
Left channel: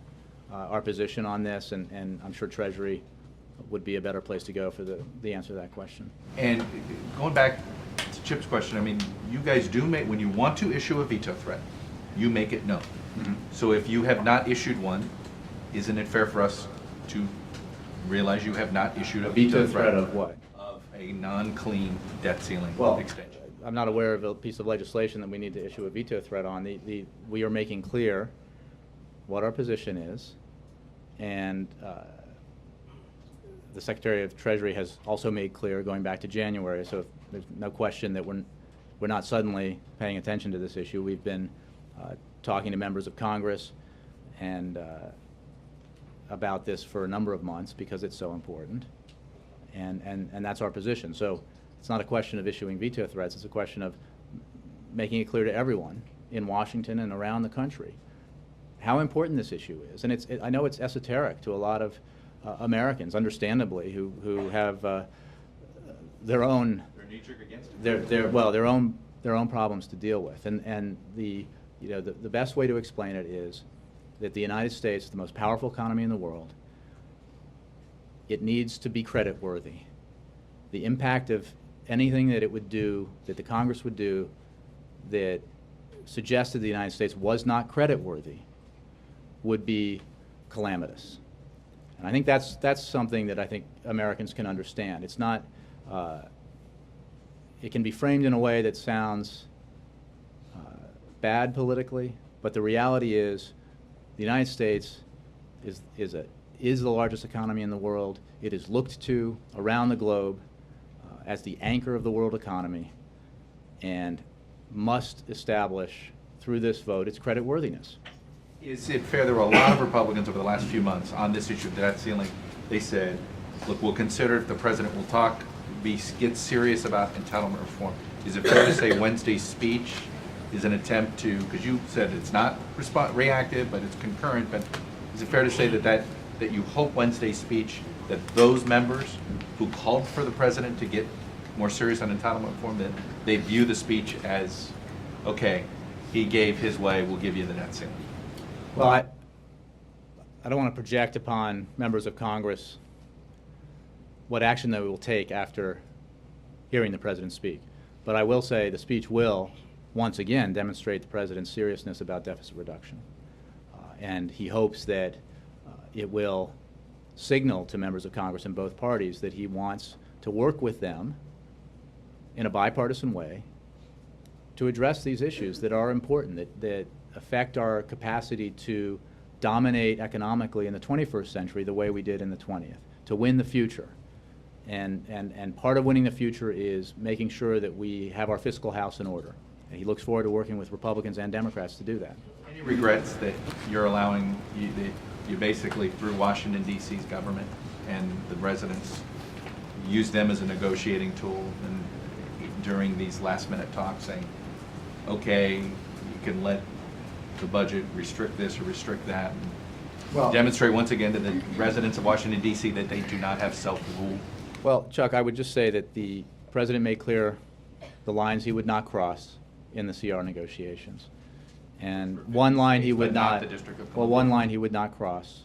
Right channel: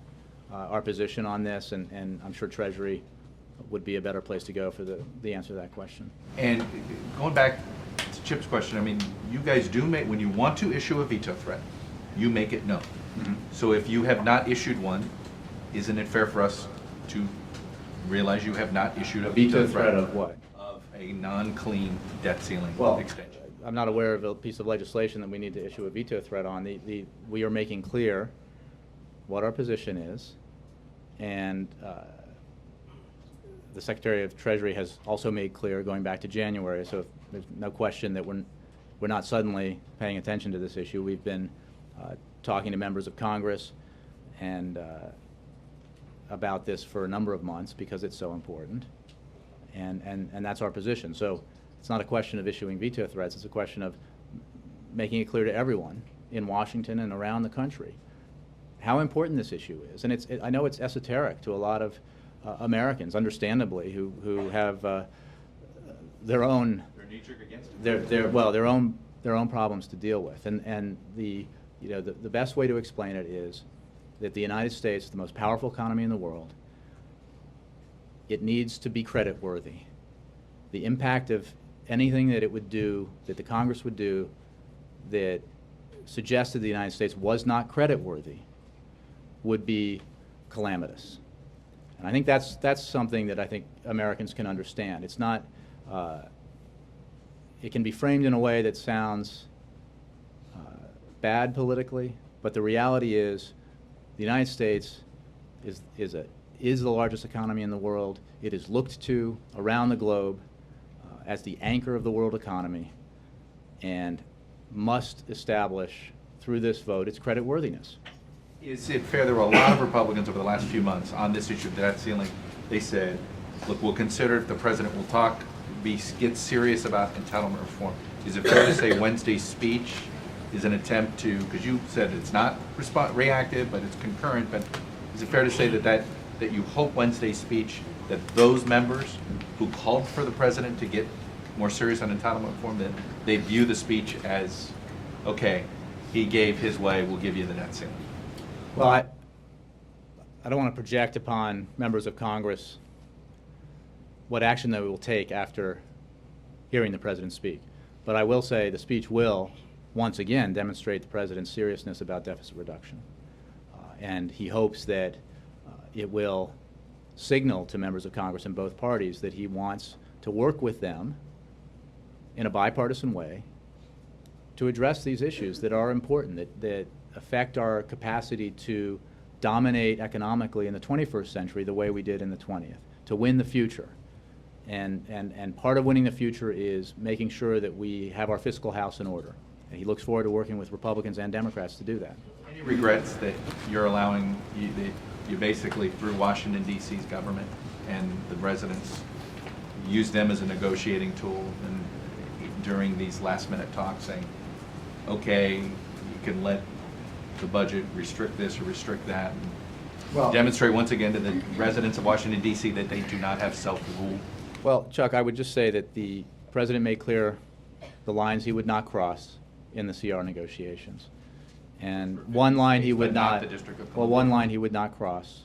our position on this, and I'm sure Treasury would be a better place to go for the answer to that question. And going back to Chip's question, I mean, you guys do make, when you want to issue a veto threat, you make it known. Mm-hmm. So if you have not issued one, isn't it fair for us to realize you have not issued a veto threat of what? Of a non-clean debt ceiling extension? I'm not aware of a piece of legislation that we need to issue a veto threat on. We are making clear what our position is, and the Secretary of Treasury has also made clear, going back to January, so there's no question that we're not suddenly paying attention to this issue. We've been talking to members of Congress and about this for a number of months because it's so important, and that's our position. So it's not a question of issuing veto threats, it's a question of making it clear to everyone in Washington and around the country how important this issue is. And I know it's esoteric to a lot of Americans, understandably, who have their own their own problems to deal with. And the best way to explain it is that the United States is the most powerful economy in the world. It needs to be credit worthy. The impact of anything that it would do, that the Congress would do, that suggested the United States was not credit worthy, would be calamitous. And I think that's something that I think Americans can understand. It's not, it can be framed in a way that sounds bad politically, but the reality is the United States is the largest economy in the world. It is looked to around the globe as the anchor of the world economy, and must establish through this vote its credit worthiness. Is it fair, there were a lot of Republicans over the last few months on this issue of the debt ceiling. They said, look, we'll consider if the president will talk, get serious about entitlement reform. Is it fair to say Wednesday's speech is an attempt to, because you said it's not reactive, but it's concurrent, but is it fair to say that you hope Wednesday's speech, that those members who called for the president to get more serious on entitlement reform, that they view the speech as, okay, he gave his way, we'll give you the debt ceiling? Well, I don't want to project upon members of Congress what action they will take after hearing the president speak. But I will say the speech will, once again, demonstrate the president's seriousness about deficit reduction. And he hopes that it will signal to members of Congress in both parties that he wants to work with them in a bipartisan way to address these issues that are important, that affect our capacity to dominate economically in the 21st century the way we did in the 20th, to win the future. And part of winning the future is making sure that we have our fiscal house in order. And he looks forward to working with Republicans and Democrats to do that. Any regrets that you're allowing, you basically, through Washington, D.C.'s government and the residents, use them as a negotiating tool and during these last-minute talks saying, okay, you can let the budget restrict this or restrict that, and Well, demonstrate once again to the residents of Washington, D.C. that they do not have self-rule? Well, Chuck, I would just say that the president made clear the lines he would not cross in the CR negotiations. And one line he would But not not, the District of well, Columbia. one line he would not cross,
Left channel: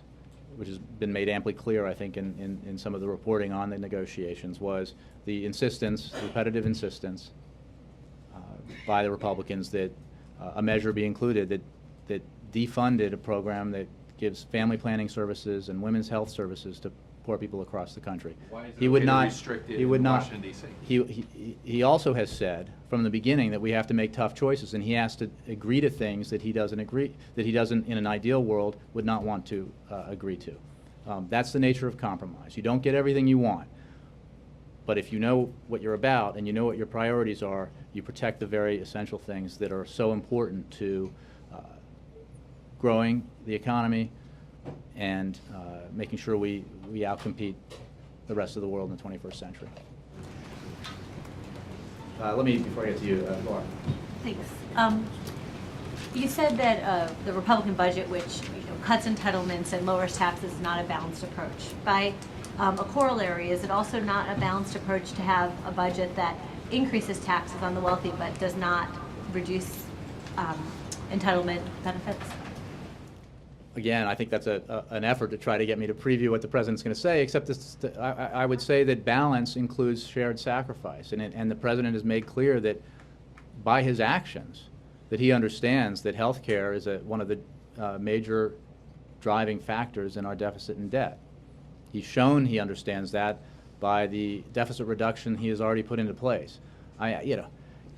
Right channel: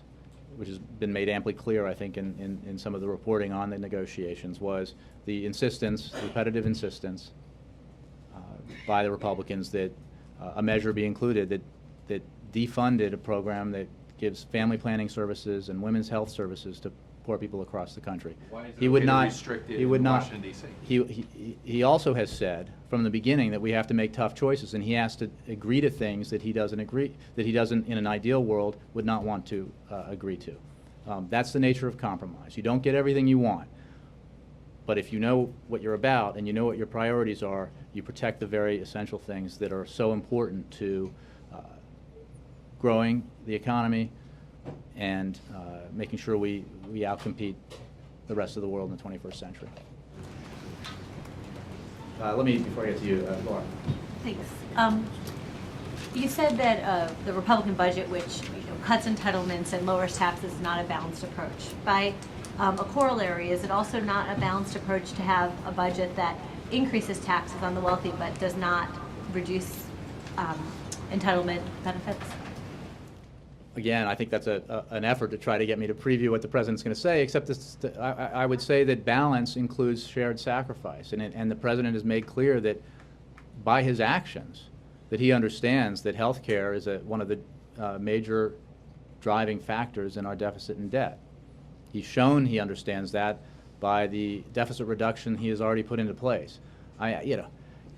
which has been made amply clear, I think, in some of the reporting on the negotiations, was the insistence, the repetitive insistence by the Republicans that a measure be included that defunded a program that gives family planning services and women's health services to poor people across the country. Why is it He okay would to not. restrict it He in would not. Washington, D.C.? He also has said from the beginning that we have to make tough choices, and he has to agree to things that he doesn't in an ideal world would not want to agree to. That's the nature of compromise. You don't get everything you want, but if you know what you're about and you know what your priorities are, you protect the very essential things that are so important to growing the economy and making sure we outcompete the rest of the world in the 21st century. Let me, before I get to you, Laura. Thanks. You said that the Republican budget, which cuts entitlements and lowers taxes, is not a balanced approach. By a corollary, is it also not a balanced approach to have a budget that increases taxes on the wealthy but does not reduce entitlement benefits? Again, I think that's an effort to try to get me to preview what the president's going to say, except I would say that balance includes shared sacrifice. And the president has made clear that by his actions, that he understands that health care is one of the major driving factors in our deficit and debt. He's shown he understands that by the deficit reduction he has already put into place.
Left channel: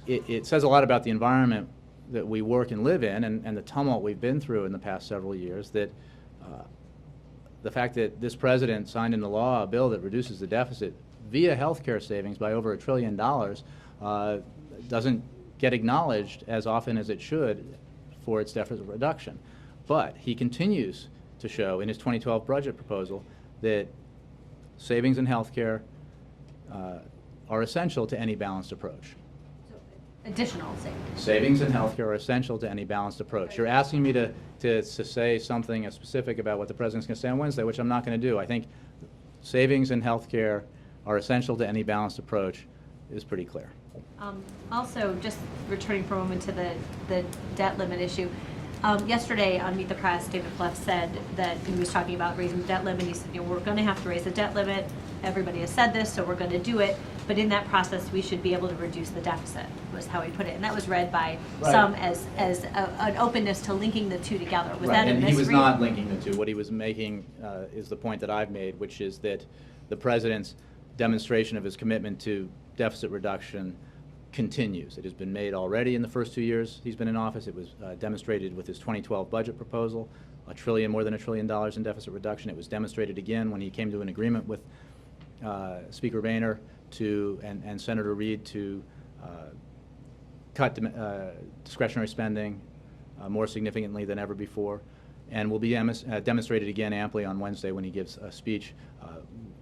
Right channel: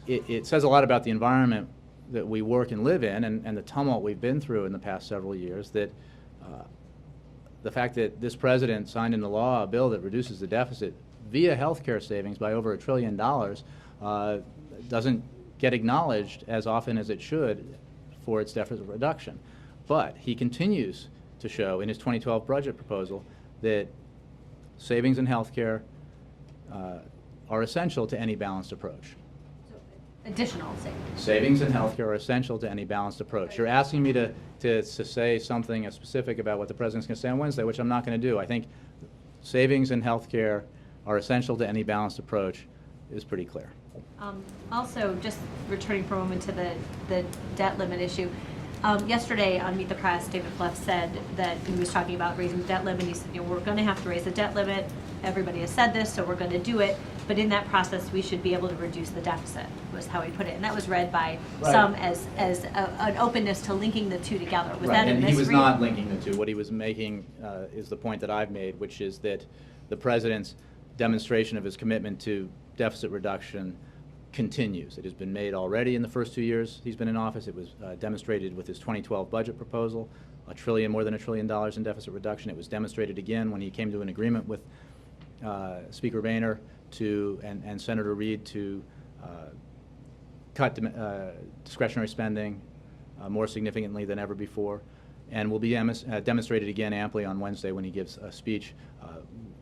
It says a lot about the environment that we work and live in, and the tumult we've been through in the past several years, that the fact that this president signed into law a bill that reduces the deficit via health care savings by over $1 trillion doesn't get acknowledged as often as it should for its deficit reduction. But he continues to show in his 2012 budget proposal that savings in healthcare are essential to any balanced approach. Additional savings. Savings in healthcare are essential to any balanced approach. You're asking me to say something specific about what the president's going to say on Wednesday, which I'm not going to do. I think savings in healthcare are essential to any balanced approach is pretty clear. Also, just returning for a moment to the debt limit issue. Yesterday on Meet the Press, David Fluff said that he was talking about raising the debt limit. He said, we're going to have to raise the debt limit. Everybody has said this, so we're going to do it. But in that process, we should be able to reduce the deficit, was how he put it. And that was read by some as an openness to linking the two together. Was that a And he was misread? not linking the two. What he was making is the point that I've made, which is that the president's demonstration of his commitment to deficit reduction continues. It has been made already in the first 2 years he's been in office. It was demonstrated with his 2012 budget proposal, more than $1 trillion in deficit reduction. It was demonstrated again when he came to an agreement with Speaker Boehner and Senator Reid to cut discretionary spending more significantly than ever before, and will be demonstrated again amply on Wednesday when he gives a speech.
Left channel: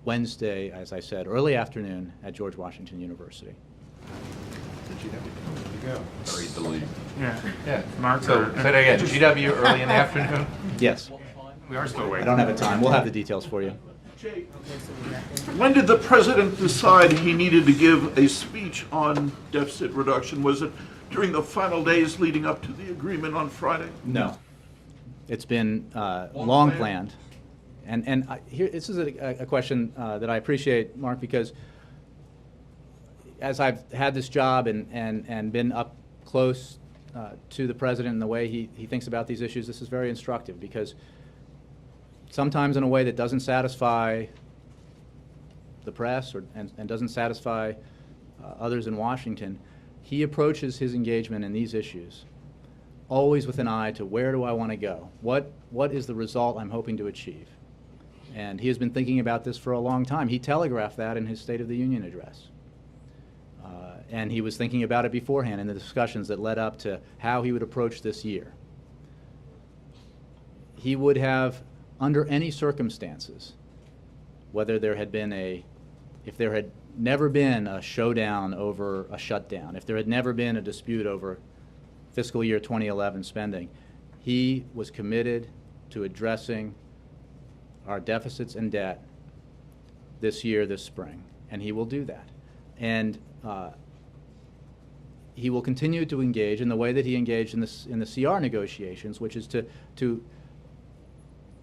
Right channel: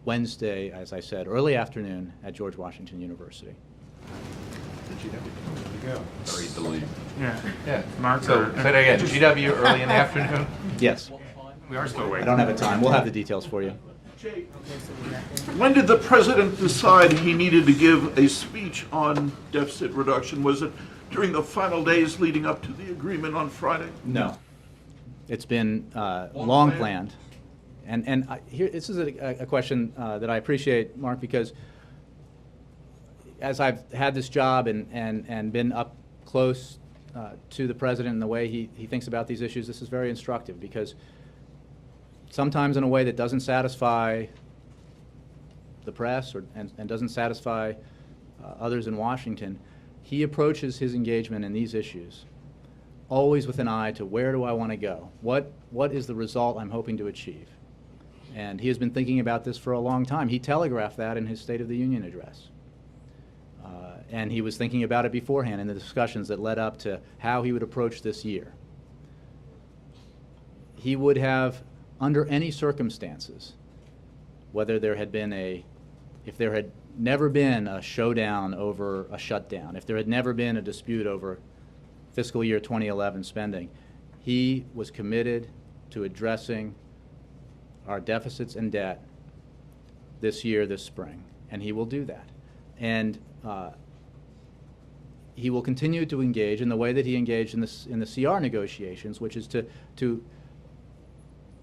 Wednesday, as I said, early afternoon at George Washington University. Very delayed. Yeah, Mark, so today at GW early in the afternoon? Yes. We are still I waiting. don't have the time. We'll have the details for you. When did the president decide he needed to give a speech on deficit reduction? Was it during the final days leading up to the agreement on Friday? No. It's been long planned. And here, this is a question that I appreciate, Mark, because as I've had this job and been up close to the president and the way he thinks about these issues, this is very instructive, because sometimes in a way that doesn't satisfy the press and doesn't satisfy others in Washington, he approaches his engagement in these issues always with an eye to where do I want to go? What is the result I'm hoping to achieve? And he has been thinking about this for a long time. He telegraphed that in his State of the Union address. And he was thinking about it beforehand in the discussions that led up to how he would approach this year. He would have, under any circumstances, whether there had been if there had never been a showdown over a shutdown, if there had never been a dispute over fiscal year 2011 spending, he was committed to addressing our deficits and debt this year, this spring, and he will do that. And he will continue to engage in the way that he engaged in the CR negotiations, which is to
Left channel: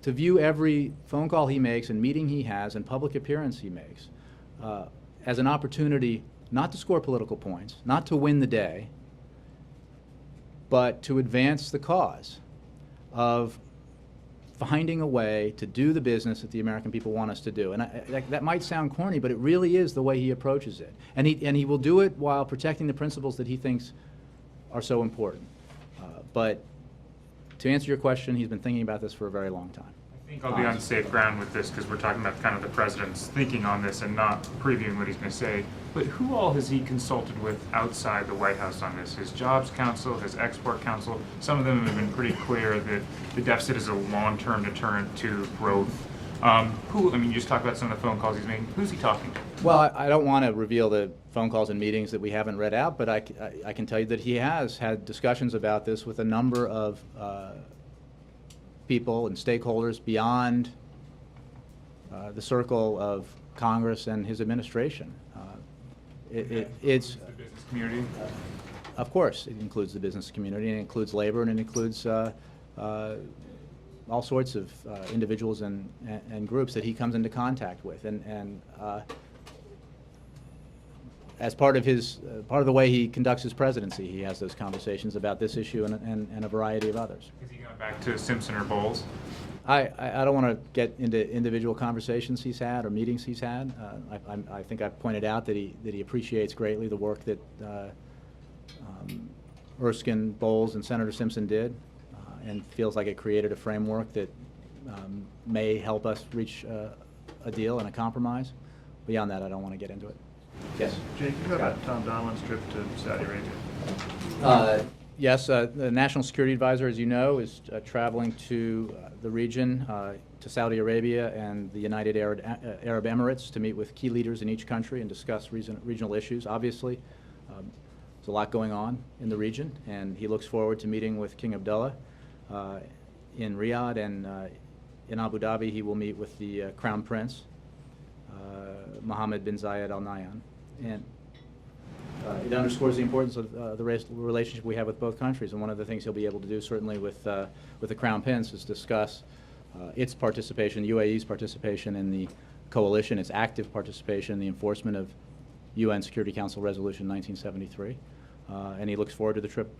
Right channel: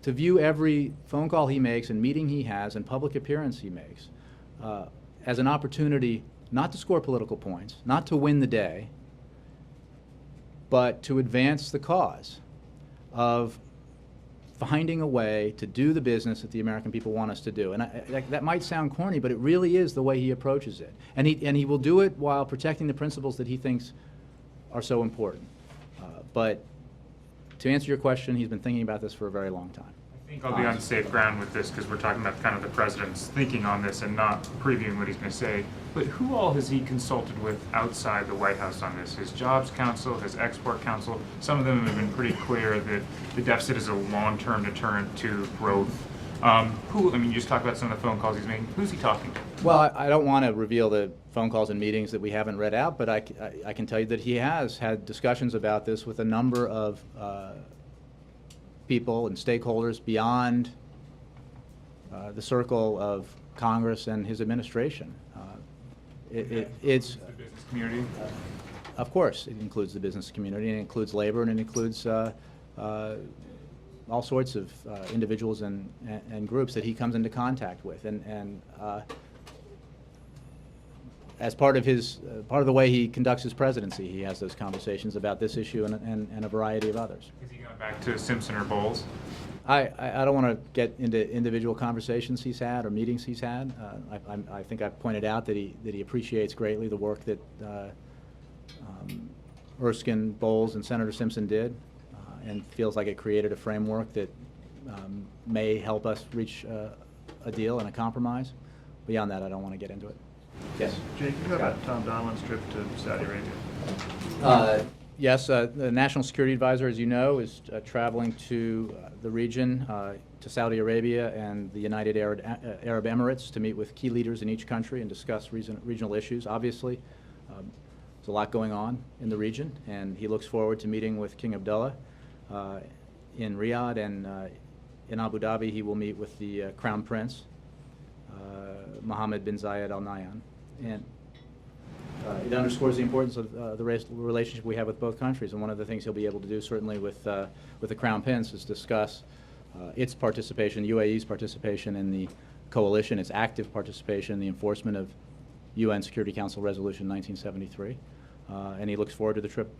view every phone call he makes and meeting he has and public appearance he makes as an opportunity not to score political points, not to win the day, but to advance the cause of finding a way to do the business that the American people want us to do. And that might sound corny, but it really is the way he approaches it. And he will do it while protecting the principles that he thinks are so important. But to answer your question, he's been thinking about this for a very long time. I think I'll be on safe ground with this because we're talking about kind of the president's thinking on this and not previewing what he's going to say. But who all has he consulted with outside the White House on this? His Jobs Council, his Export Council. Some of them have been pretty clear that the deficit is a long-term deterrent to growth. You just talked about some of the phone calls he's making. Who's he talking to? Well, I don't want to reveal the phone calls and meetings that we haven't read out, but I can tell you that he has had discussions about this with a number of people and stakeholders beyond the circle of Congress and his administration. It's The business community. Of course, it includes the business community, and it includes labor, and it includes all sorts of individuals and groups that he comes into contact with, and as part of the way he conducts his presidency, he has those conversations about this issue and a variety of others. Is he going back to Simpson or Bowles? I don't want to get into individual conversations he's had or meetings he's had. I think I've pointed out that he appreciates greatly the work that Erskine, Bowles, and Senator Simpson did, and feels like it created a framework that may help us reach a deal and a compromise. Beyond that, I don't want to get into it. Yes. Jake, you know about Tom Donovan's trip to Saudi Arabia? Yes, the National Security Advisor, as you know, is traveling to the region, to Saudi Arabia and the United Arab Emirates to meet with key leaders in each country and discuss regional issues. Obviously, there's a lot going on in the region, and he looks forward to meeting with King Abdullah in Riyadh, and in Abu Dhabi he will meet with the Crown Prince, Mohammed bin Zayed Al Nahyan. And it underscores the importance of the relationship we have with both countries, and one of the things he'll be able to do, certainly with the Crown Prince, is discuss its participation, UAE's participation in the coalition, its active participation in the enforcement of UN Security Council Resolution 1973, and he looks forward to the trip.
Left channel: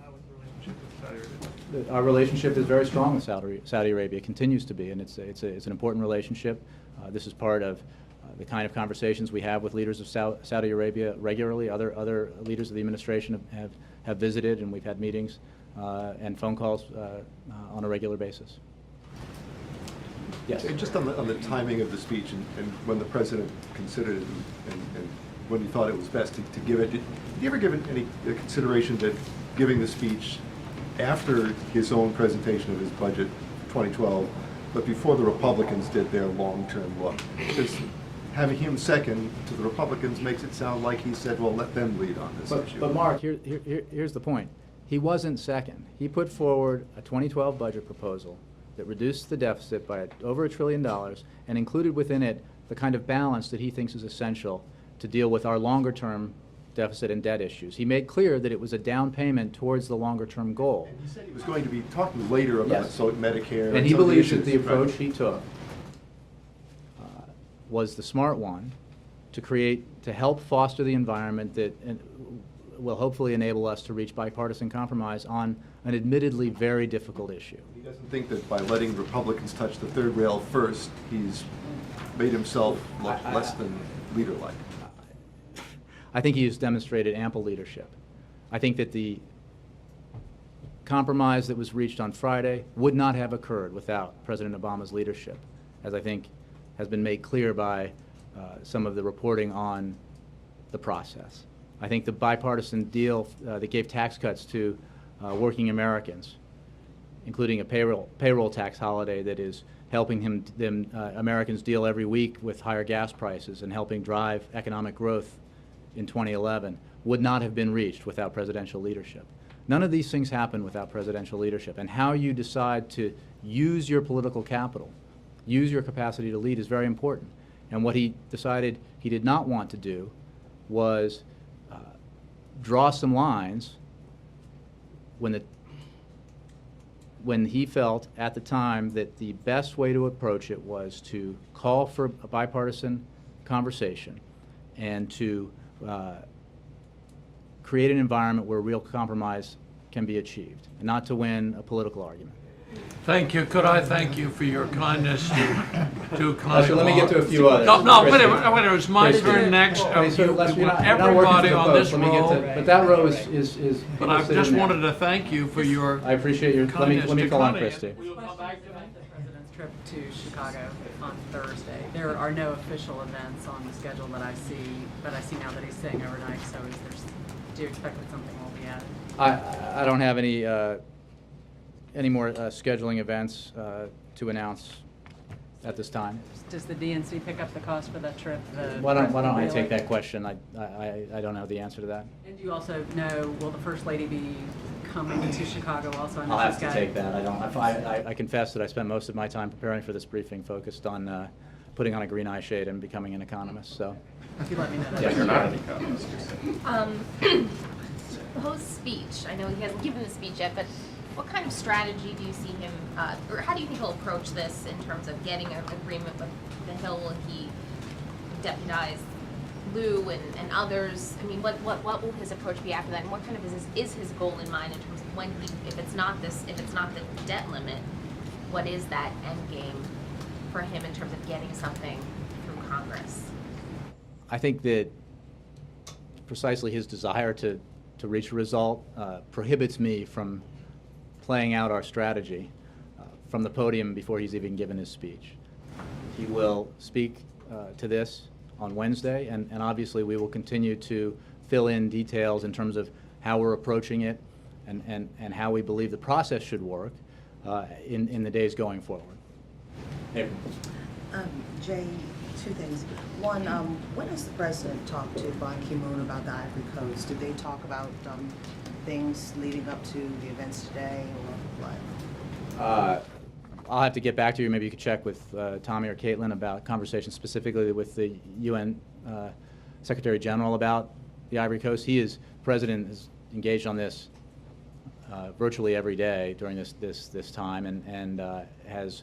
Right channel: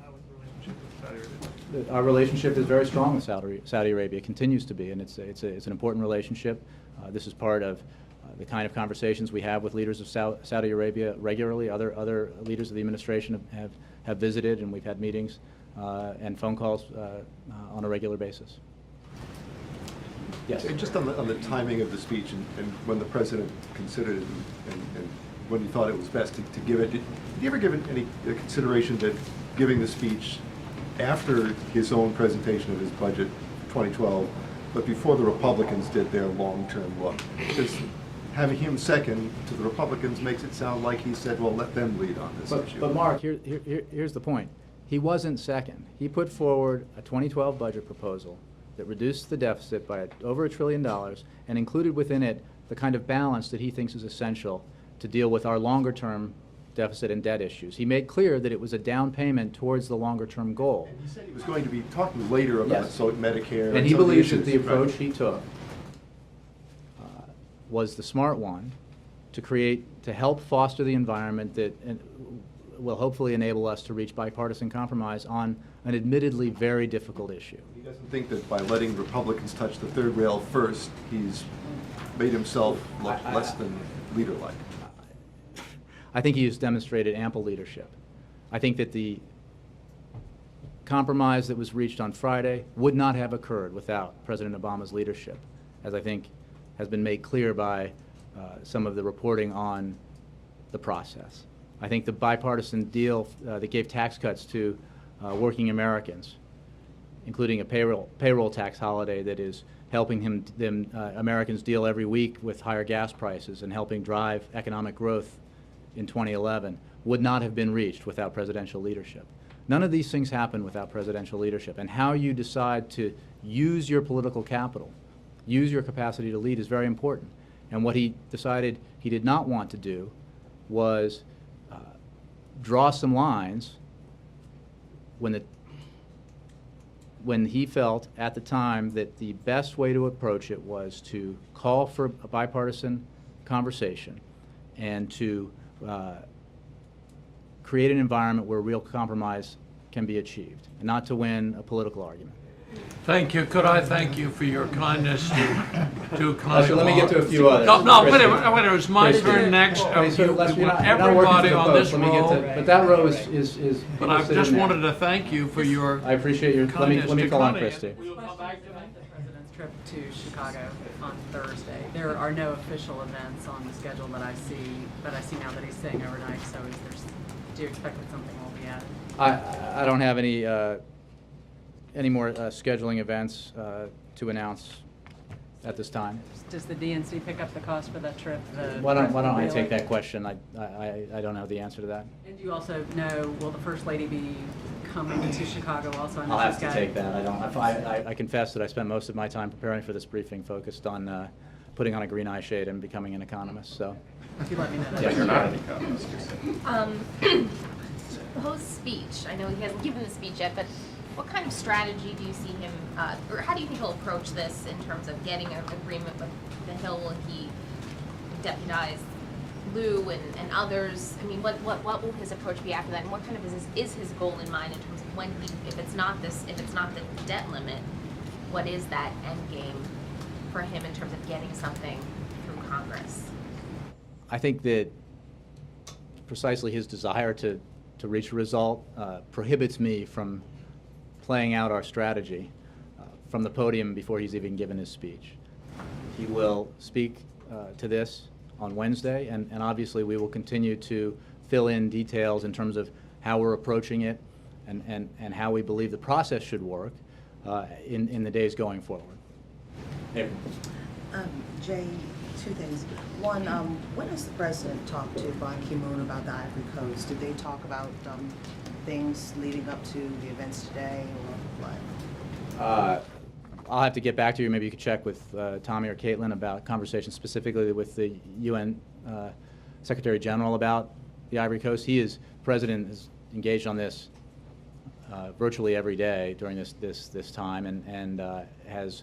How was the relationship with Saudi Arabia? Our relationship is very strong with Saudi Arabia, continues to be, and it's an important relationship. This is part of the kind of conversations we have with leaders of Saudi Arabia regularly. Other leaders of the administration have visited, and we've had meetings and phone calls on a regular basis. Yes. Just on the timing of the speech and when the president considered it and when he thought it was best to give it, did you ever give it any consideration that giving the speech after his own presentation of his budget 2012, but before the Republicans did their long-term look? Because having him second to the Republicans makes it sound like he said, well, let them lead on this issue. But Mark, here's the point. He wasn't second. He put forward a 2012 budget proposal that reduced the deficit by over $1 trillion and included within it the kind of balance that he thinks is essential to deal with our longer-term deficit and debt issues. He made clear that it was a down payment towards the longer-term goal. And he said he was going to be talking later about Medicare. And he some of the believes that issues. the approach he took was the smart one to help foster the environment that will hopefully enable us to reach bipartisan compromise on an admittedly very difficult issue. He doesn't think that by letting Republicans touch the third rail first, he's made himself look less than leader-like. I think he has demonstrated ample leadership. I think that the compromise that was reached on Friday would not have occurred without President Obama's leadership, as I think has been made clear by some of the reporting on the process. I think the bipartisan deal that gave tax cuts to working Americans, including a payroll tax holiday that is helping Americans deal every week with higher gas prices and helping drive economic growth in 2011, would not have been reached without presidential leadership. None of these things happen without presidential leadership, and how you decide to use your political capital, use your capacity to lead, is very important. And what he decided he did not want to do was draw some lines when he felt at the time that the best way to approach it was to call for a bipartisan conversation and to create an environment where real compromise can be achieved, and not to win a political argument. Thank you. Could I thank you for your kindness to Connie? Let me get to a few others. No, wait, it's my turn next. Everybody on this row. But that row is But I just wanted to thank you for your I appreciate your kindness. Let me call on Christy. We will come back to the president's trip to Chicago on Thursday. There are no official events on the schedule that I see, but I see now that he's staying overnight. So do you expect that something will be added? I don't have any more scheduling events to announce at this time. Does the DNC pick up the cost for that trip? Why don't I take that question? I don't know the answer to that. And do you also know, will the First Lady be coming to Chicago also? I'll have to take that. I confess that I spent most of my time preparing for this briefing focused on putting on a green eye shade and becoming an economist. So. If you let me know. Yes, You're not an economist. Host's speech, I know he hasn't given the speech yet, but what kind of strategy do you see him, or how do you think he'll approach this in terms of getting an agreement with the Hill when he deputized Lou and others? I mean, what will his approach be after that, and what kind of is his goal in mind in terms of when if it's not the debt limit, what is that end game for him in terms of getting something through Congress? I think that precisely his desire to reach a result prohibits me from playing out our strategy from the podium before he's even given his speech. He will speak to this on Wednesday, and obviously we will continue to fill in details in terms of how we're approaching it, and how we believe the process should work in the days going forward. April. Jay, two things. One, when has the president talked to Ban Ki-moon about the Ivory Coast? Did they talk about things leading up to the events today, or what? I'll have to get back to you. Maybe you could check with Tommy or Caitlin about conversations specifically with the UN Secretary General about the Ivory Coast. President is engaged on this virtually every day during this time, and has,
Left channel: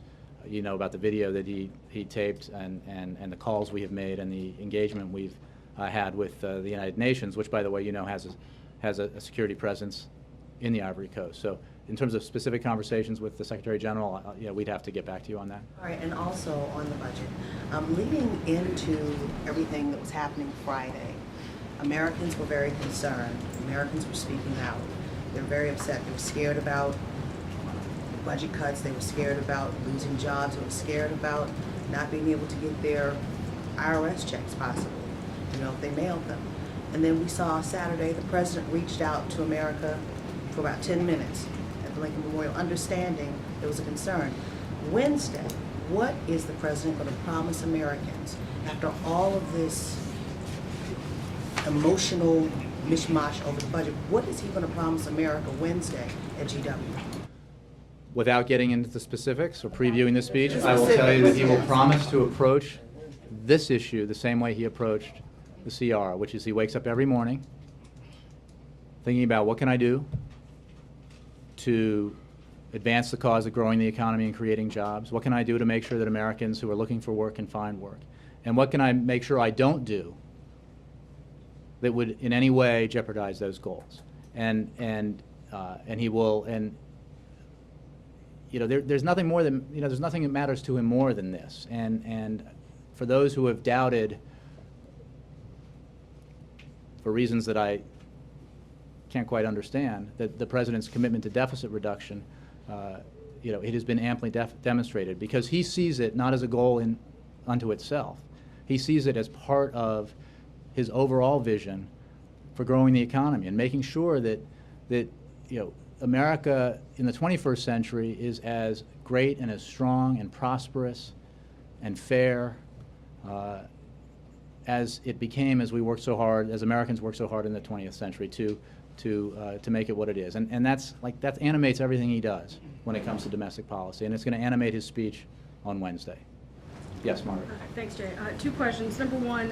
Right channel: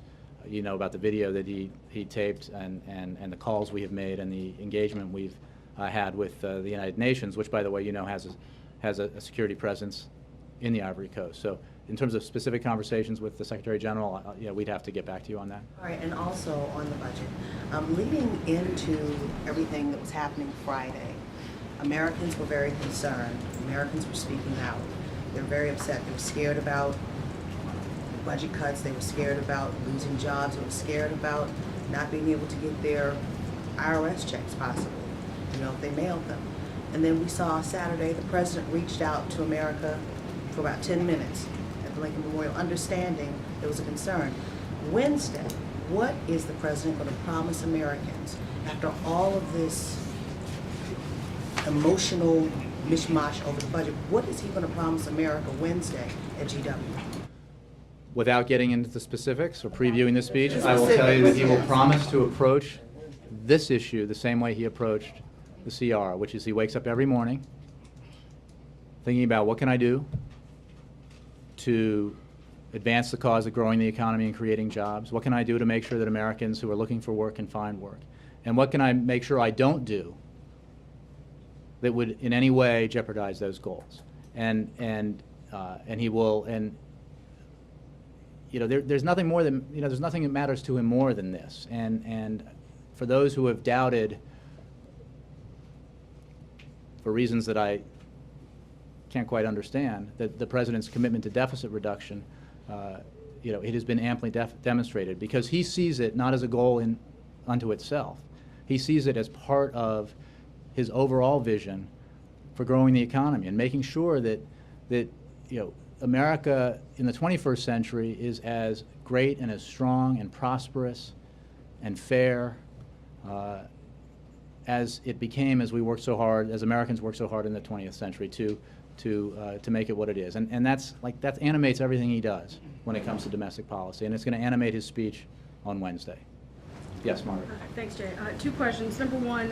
you know, about the video that he taped and the calls we have made and the engagement we've had with the United Nations, which, by the way, you know, has a security presence in the Ivory Coast. So in terms of specific conversations with the Secretary General, you know, we'd have to get back to you on that. All right, and also on the budget, leading into everything that was happening Friday, Americans were very concerned. Americans were speaking out. They were very upset. They were scared about budget cuts. They were scared about losing jobs. They were scared about not being able to get their IRS checks, possibly, you know, if they mailed them. And then we saw Saturday the president reached out to America for about 10 minutes at the Lincoln Memorial, understanding there was a concern. Wednesday, what is the president going to promise Americans after all of this emotional mishmash over the budget? What is he going to promise America Wednesday at GW? Without getting into the specifics or previewing the speech, I will tell you that he will promise to approach this issue the same way he approached the CR, which is he wakes up every morning thinking about what can I do to advance the cause of growing the economy and creating jobs? What can I do to make sure that Americans who are looking for work can find work? And what can I make sure I don't do that would in any way jeopardize those goals? And he will, and you know, there's nothing more than, you know, there's nothing that matters to him more than this. And for those who have doubted, for reasons that I can't quite understand, that the president's commitment to deficit reduction, you know, it has been amply demonstrated, because he sees it not as a goal unto itself. He sees it as part of his overall vision for growing the economy and making sure that you know, America in the 21st century is as great and as strong and prosperous and fair as it became as we worked so hard, as Americans worked so hard in the 20th century to make it what it is. And that animates everything he does when it comes to domestic policy, and it's going to animate his speech on Wednesday. Yes, Margaret. Thanks, Jay. Two questions. Number one,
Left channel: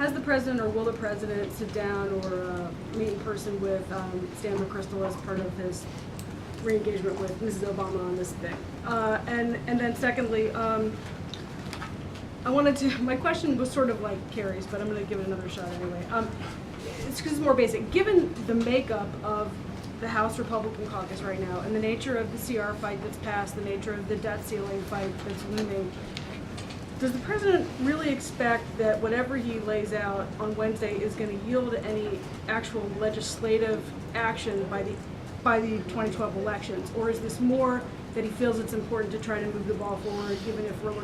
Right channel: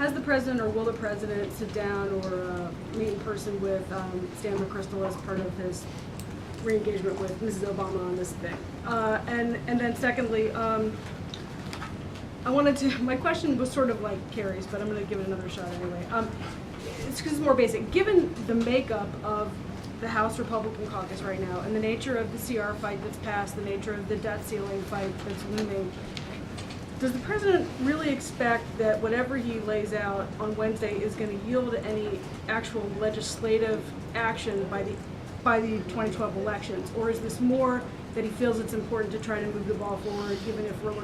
has the president or will the president sit down or meet in person with Stan McChrystal as part of his re-engagement with Mrs. Obama on this thing? And then secondly, my question was sort of like Carrie's, but I'm going to give it another shot anyway. It's more basic. Given the makeup of the House Republican caucus right now and the nature of the CR fight that's passed, the nature of the debt ceiling fight that's looming, does the president really expect that whatever he lays out on Wednesday is going to yield any actual legislative action by the 2012 elections? Or is this more that he feels it's important to try to move the ball forward, even if we're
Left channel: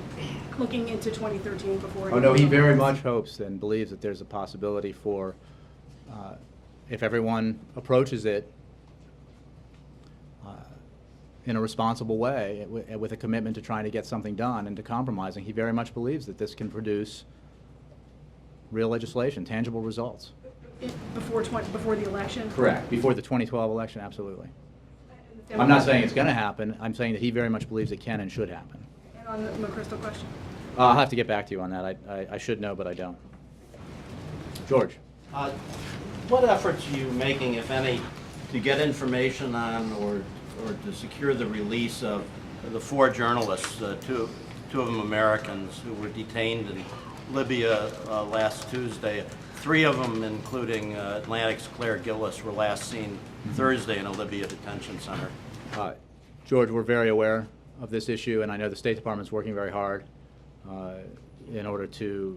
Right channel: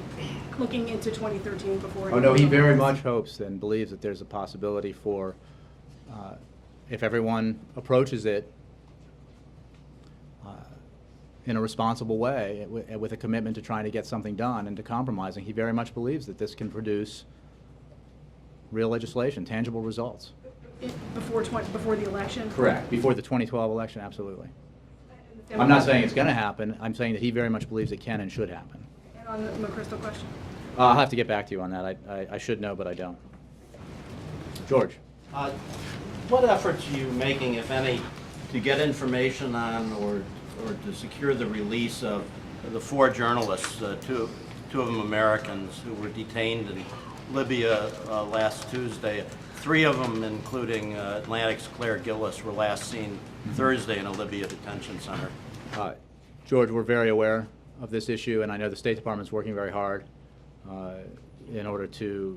looking into 2013 before? Oh no, he very much hopes and believes that there's a possibility for, if everyone approaches it in a responsible way, with a commitment to trying to get something done and to compromising, he very much believes that this can produce real legislation, tangible results. Before the election? Correct. Before the 2012 election, absolutely. I'm not saying it's going to happen. I'm saying that he very much believes it can and should happen. And on the McChrystal question? I'll have to get back to you on that. I should know, but I don't. George. What efforts are you making, if any, to get information on or to secure the release of the 4 journalists, two of them Americans, who were detained in Libya last Tuesday? 3 of them, including Atlantic's Claire Gillis, were last seen Thursday in a Libya detention center. George, we're very aware of this issue, and I know the State Department's working very hard in order to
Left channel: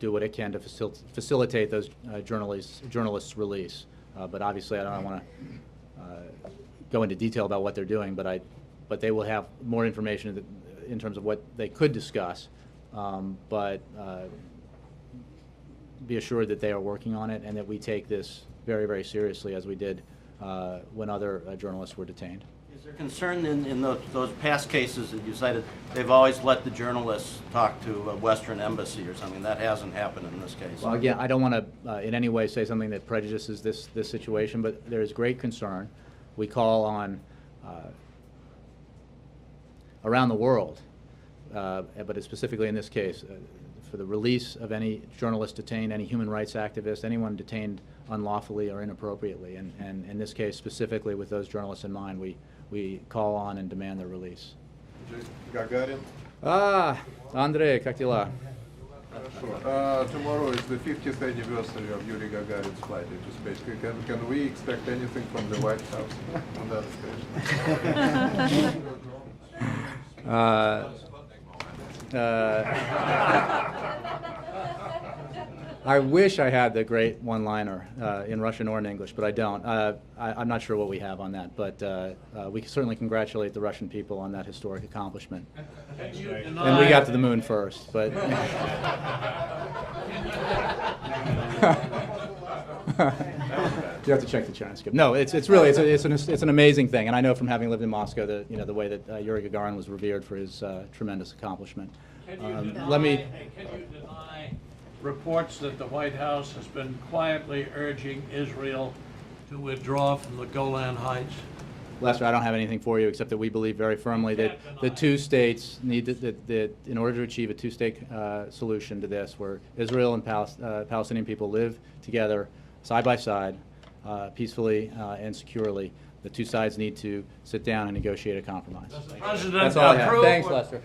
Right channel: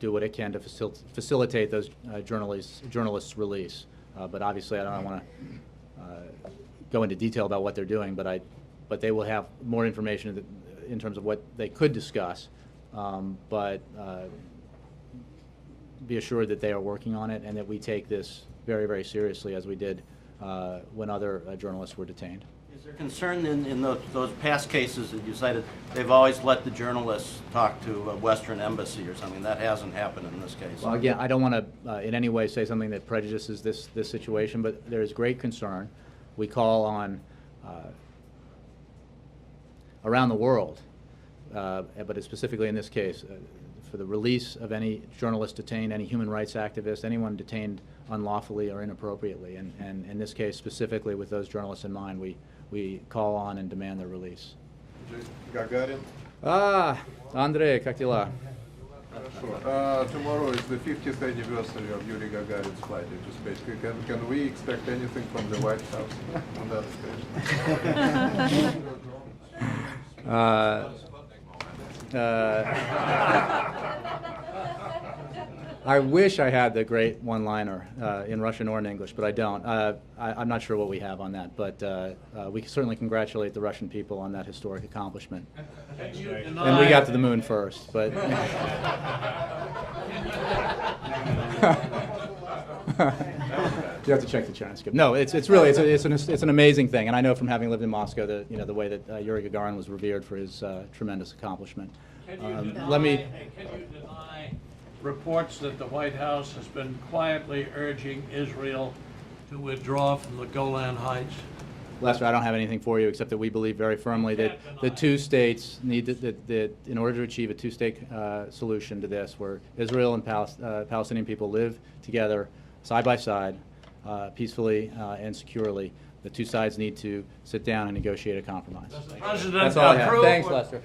do what it can to facilitate those journalists' release. But obviously, I don't want to go into detail about what they're doing, but they will have more information in terms of what they could discuss. But be assured that they are working on it and that we take this very, very seriously, as we did when other journalists were detained. Is there concern in those past cases that you cited, they've always let the journalists talk to a Western embassy or something? That hasn't happened in this case. Well, again, I don't want to in any way say something that prejudices this situation, but there is great concern. We call on around the world, but specifically in this case, for the release of any journalist detained, any human rights activist, anyone detained unlawfully or inappropriately. And in this case, specifically with those journalists in mind, we call on and demand their release. Gagarin? Andrei, как дела? Tomorrow is the 50th anniversary of Yuri Gagarin's flight into space. Can we expect anything from the White House on that occasion? I wish I had the great one-liner in Russian or in English, but I don't. I'm not sure what we have on that, but we certainly congratulate the Russian people on that historic accomplishment. And we got to the moon first, but... You have to check the transcript. No, it's really it's an amazing thing, and I know from having lived in Moscow that the way that Yuri Gagarin was revered for his tremendous accomplishment. Let me. Can you deny reports that the White House has been quietly urging Israel to withdraw from the Golan Heights? Lester, I don't have anything for you except that we believe very firmly that the two states need that in order to achieve a two-state solution to this, where Israel and Palestinian people live together side by side, peacefully and securely, the two sides need to sit down and negotiate a compromise. Does the President That's all I have. approve? Thanks, Lester.